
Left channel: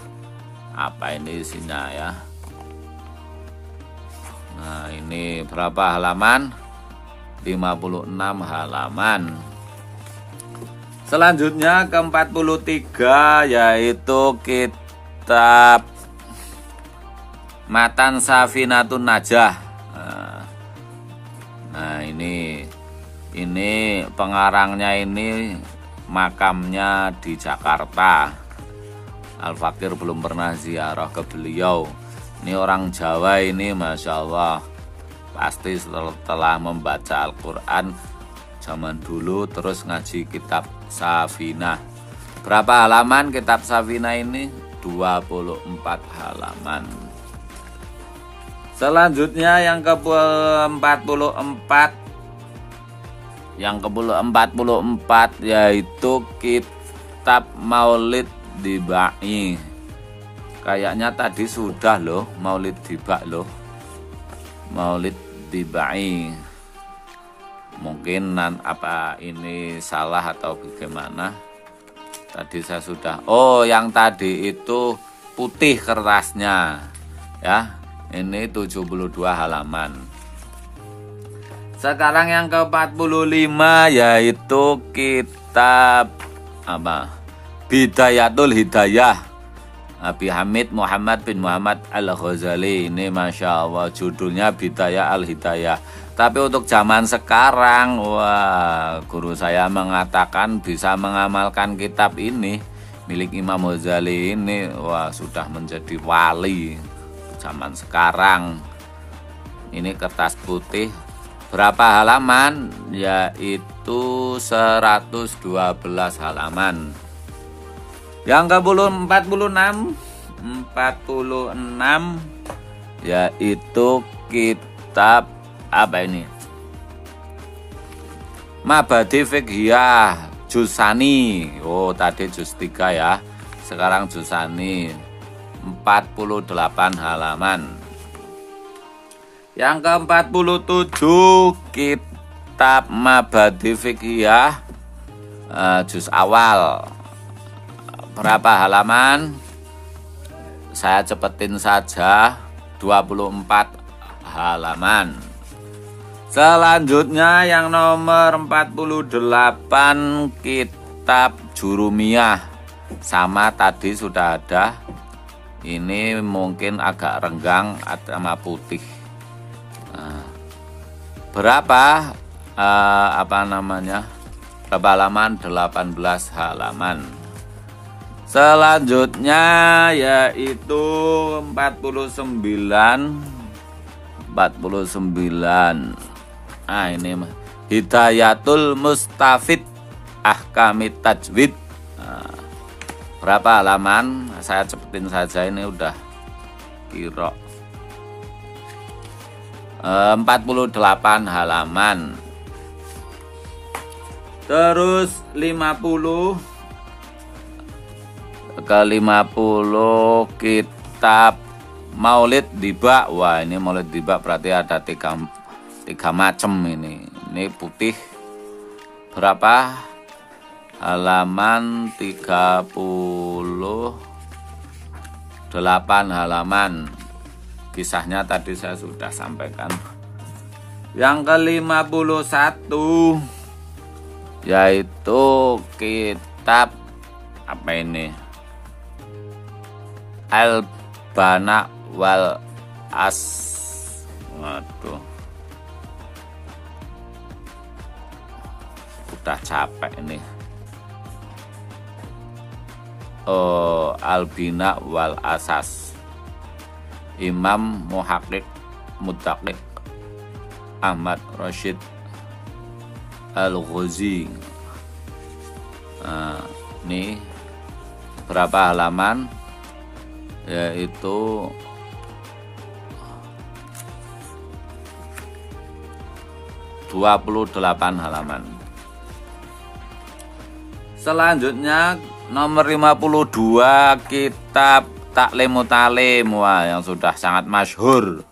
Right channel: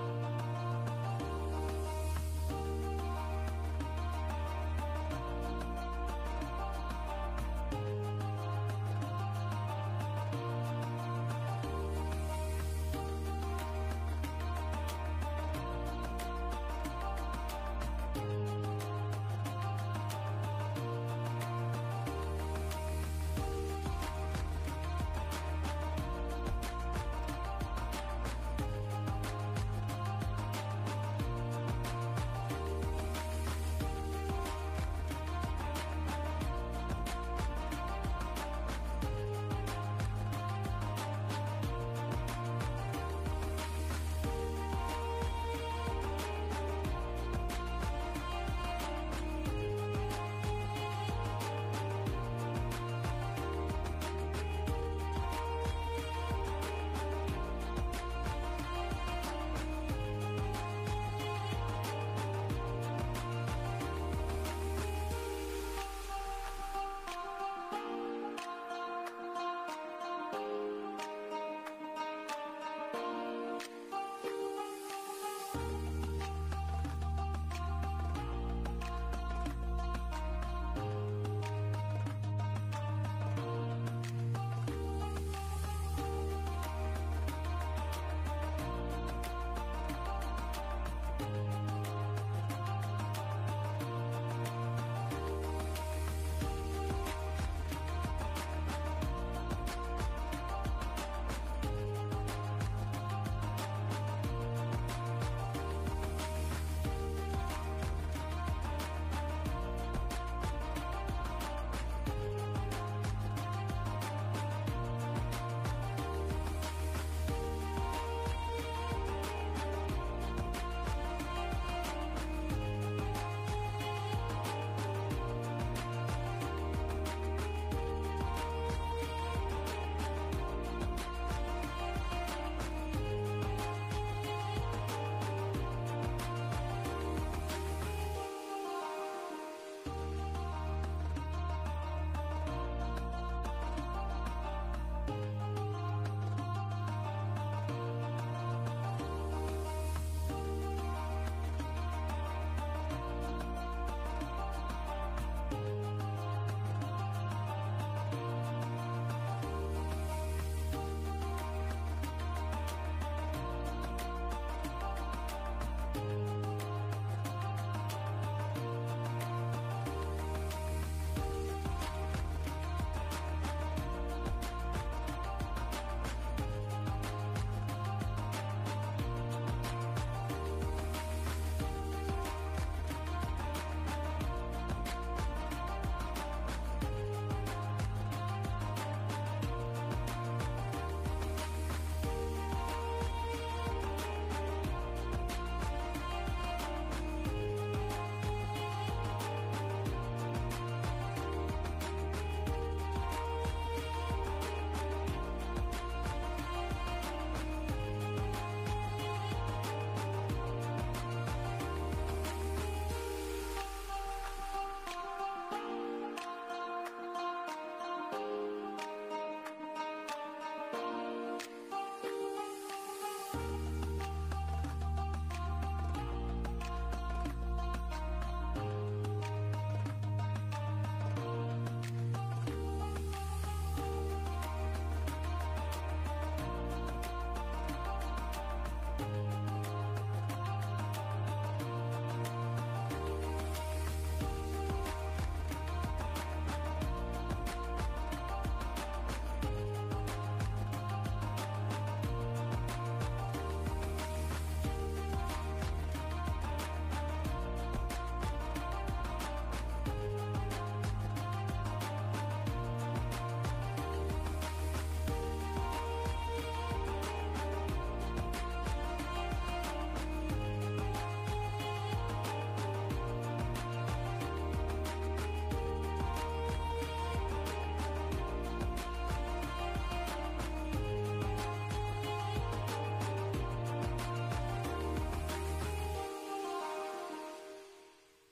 Apa ini isinya ya? Nah, ini berapa halaman? 56 halaman. Selanjutnya ke 43 yaitu kitab Matan Safinatun Najah. Nah, ini pengarangnya ini makamnya di Jakarta. Al-Fakir belum pernah ziarah ke beliau. Ini orang Jawa ini, Masya Allah, pasti setelah membaca Al-Quran zaman dulu terus ngaji kitab Safinah. Berapa halaman kitab Safinah ini? 24 halaman. Selanjutnya yang ke-44, yaitu kitab Maulid Dibai. Kayaknya tadi sudah loh Maulid Dibai. Mungkin apa ini salah atau bagaimana? Tadi saya sudah. Oh, yang tadi itu putih kertasnya. Ya, ini 72 halaman. Sekarang yang ke-45 yaitu kitab apa? Bidayatul Hidayah, Abi Hamid Muhammad bin Muhammad Al-Ghazali. Ini Masya Allah judulnya Bidayah Al-Hidayah. Tapi untuk zaman sekarang, wah, guru saya mengatakan bisa mengamalkan kitab ini milik Imam Ghazali ini, wah, sudah menjadi wali zaman sekarang. Ini kertas putih. Berapa halaman? Yaitu 112 halaman. Yang ke-46 yaitu kitab apa ini? Mabadi Fiqhiyah Jusani. Oh, tadi juz 3 ya. Sekarang Jusani 48 halaman. Yang ke-47 kitab Mabadi Fiqhiyah juz awal. Berapa halaman? Saya cepetin saja, 24 halaman. Selanjutnya yang nomor 48 kitab Jurumiyah. Sama tadi sudah ada. Ini mungkin agak renggang sama putih. Nah, berapa berapa halaman? 18 halaman. Selanjutnya yaitu 49. Nah, ini Hidayatul Mustafid Ahkamit Tajwid. Nah, berapa halaman? Saya cepetin saja, ini udah kira 48 halaman. Terus 50 kitab Maulid Diba. Wah, ini Maulid Diba berarti ada tiga macam ini. Ini putih. Berapa halaman? 38 halaman. Kisahnya tadi saya sudah sampaikan. Yang ke-51 yaitu kitab apa ini? Al-Bana wal As. Waduh, udah capek ini. Oh, Al-Bina wal Asas, Imam Muhaqqiq Muttaqi Ahmad Rashid Al-Ghazi. Nah, ini berapa halaman? Yaitu 28 halaman. Selanjutnya nomor 52 kitab Ta'limut Ta'lim, wah, yang sudah sangat masyhur.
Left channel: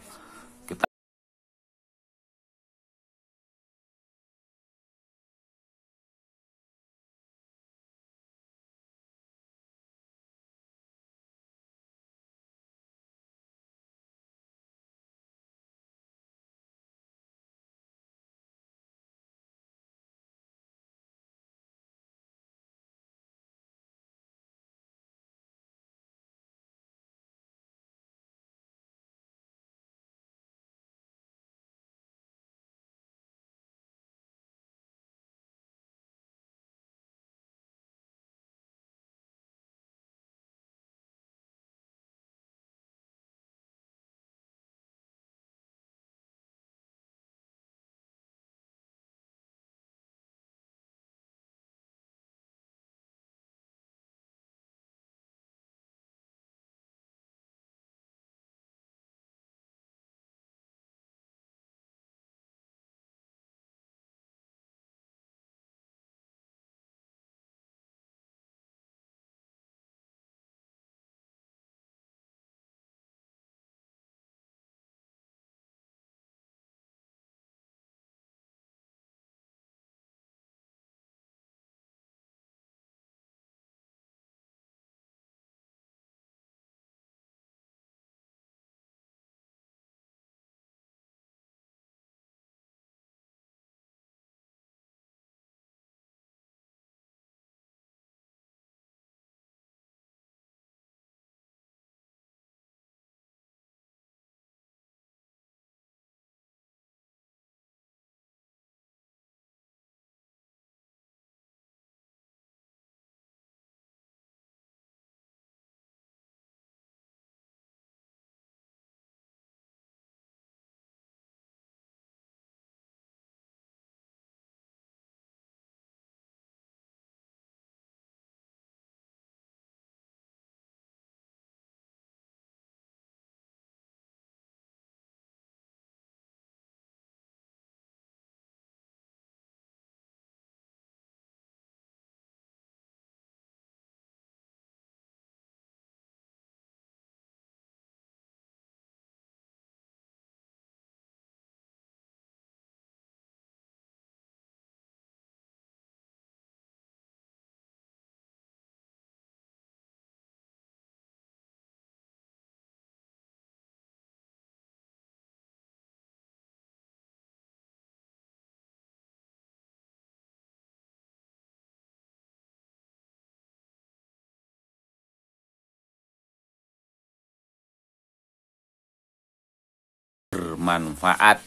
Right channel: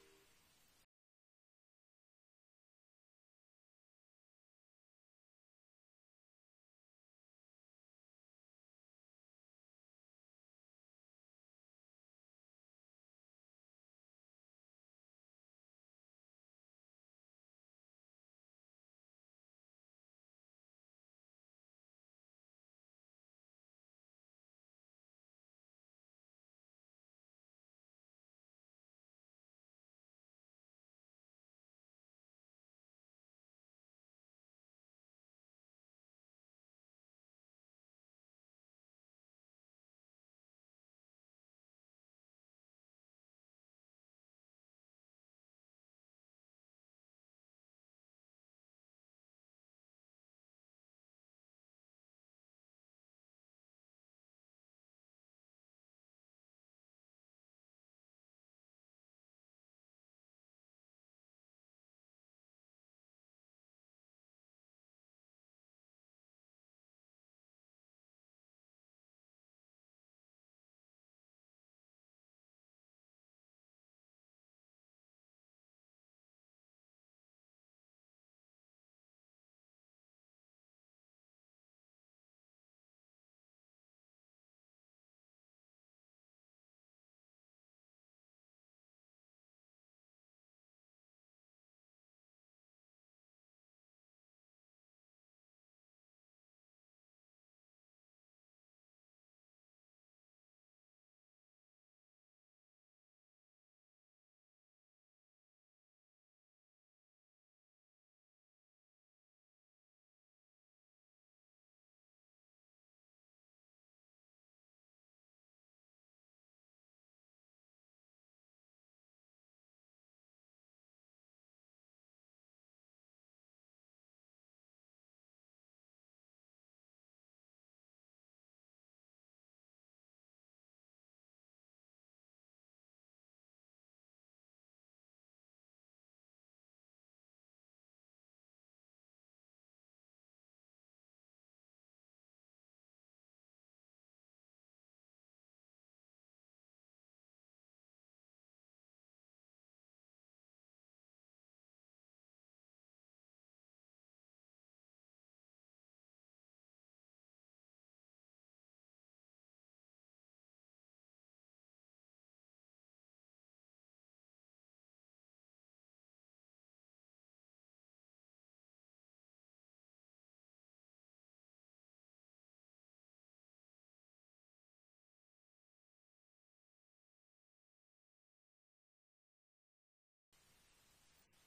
bermanfaat.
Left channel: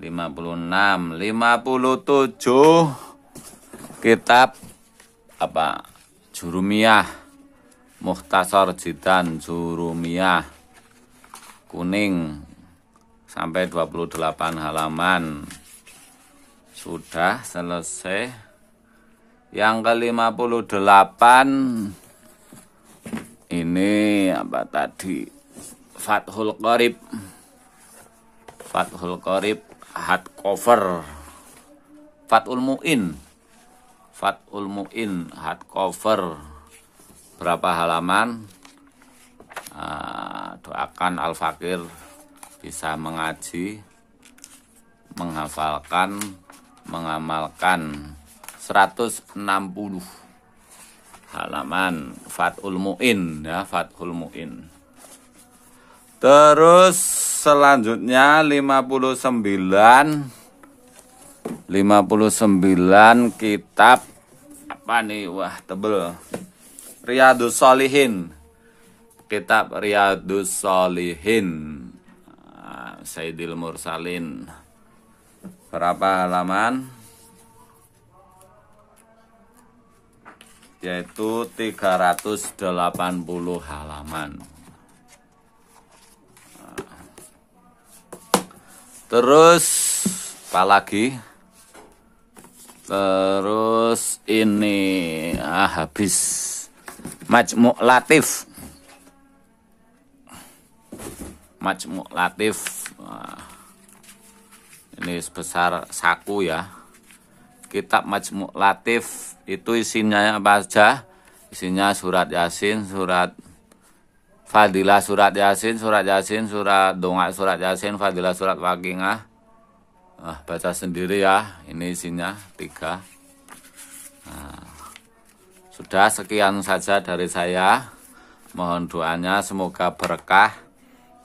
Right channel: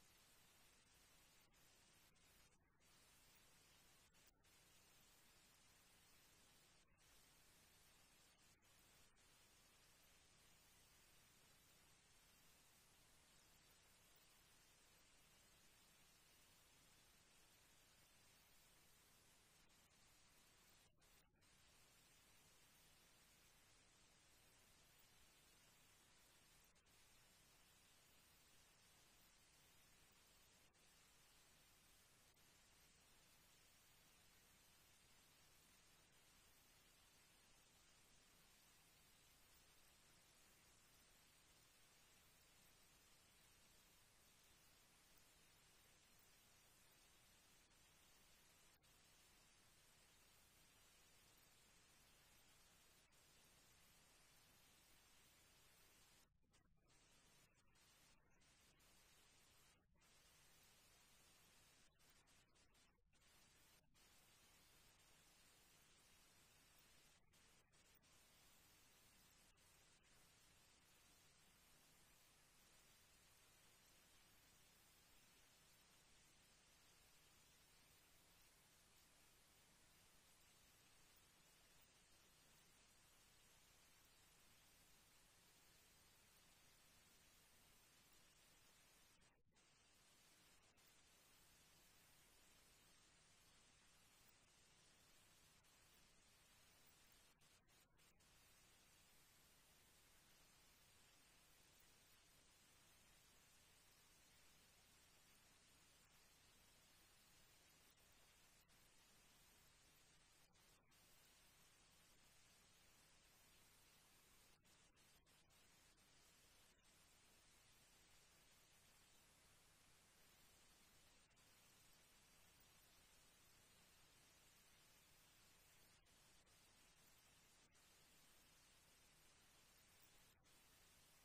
56, 57 kitab apa? Jurumiyah, Mukhtasar Jidan Jurumiyah, kuning sampai 28 halaman. Sudah selesai. Yang ke-58 ini apa tadi? Fathul Qorib. Fathul Qorib hardcover. Fathul Mu'in. Fathul Mu'in hardcover. Berapa halaman? Doakan Al-Fakir bisa mengaji, menghafalkan, mengamalkan. 160 halaman Fathul Mu'in ya, Fathul Mu'in. Terus selanjutnya 59 kitab apa nih? Wah, tebel. Riyadhus Shalihin. Kitab Riyadhus Shalihin. Sayyidil Mursalin. Berapa halaman? Yaitu 380 halaman. Terus apa lagi? Terus ini habis Majmu' Latif. Majmu' Latif. Ini sebesar saku ya. Kitab Majmu' Latif itu isinya apa aja? Isinya surat Yasin, surat Fadilah surat Yasin, surat Dongak surat Yasin, Fadilah surat Waqiah. Baca sendiri ya, ini isinya 3. Sudah sekian saja dari saya. Mohon doanya semoga berkah.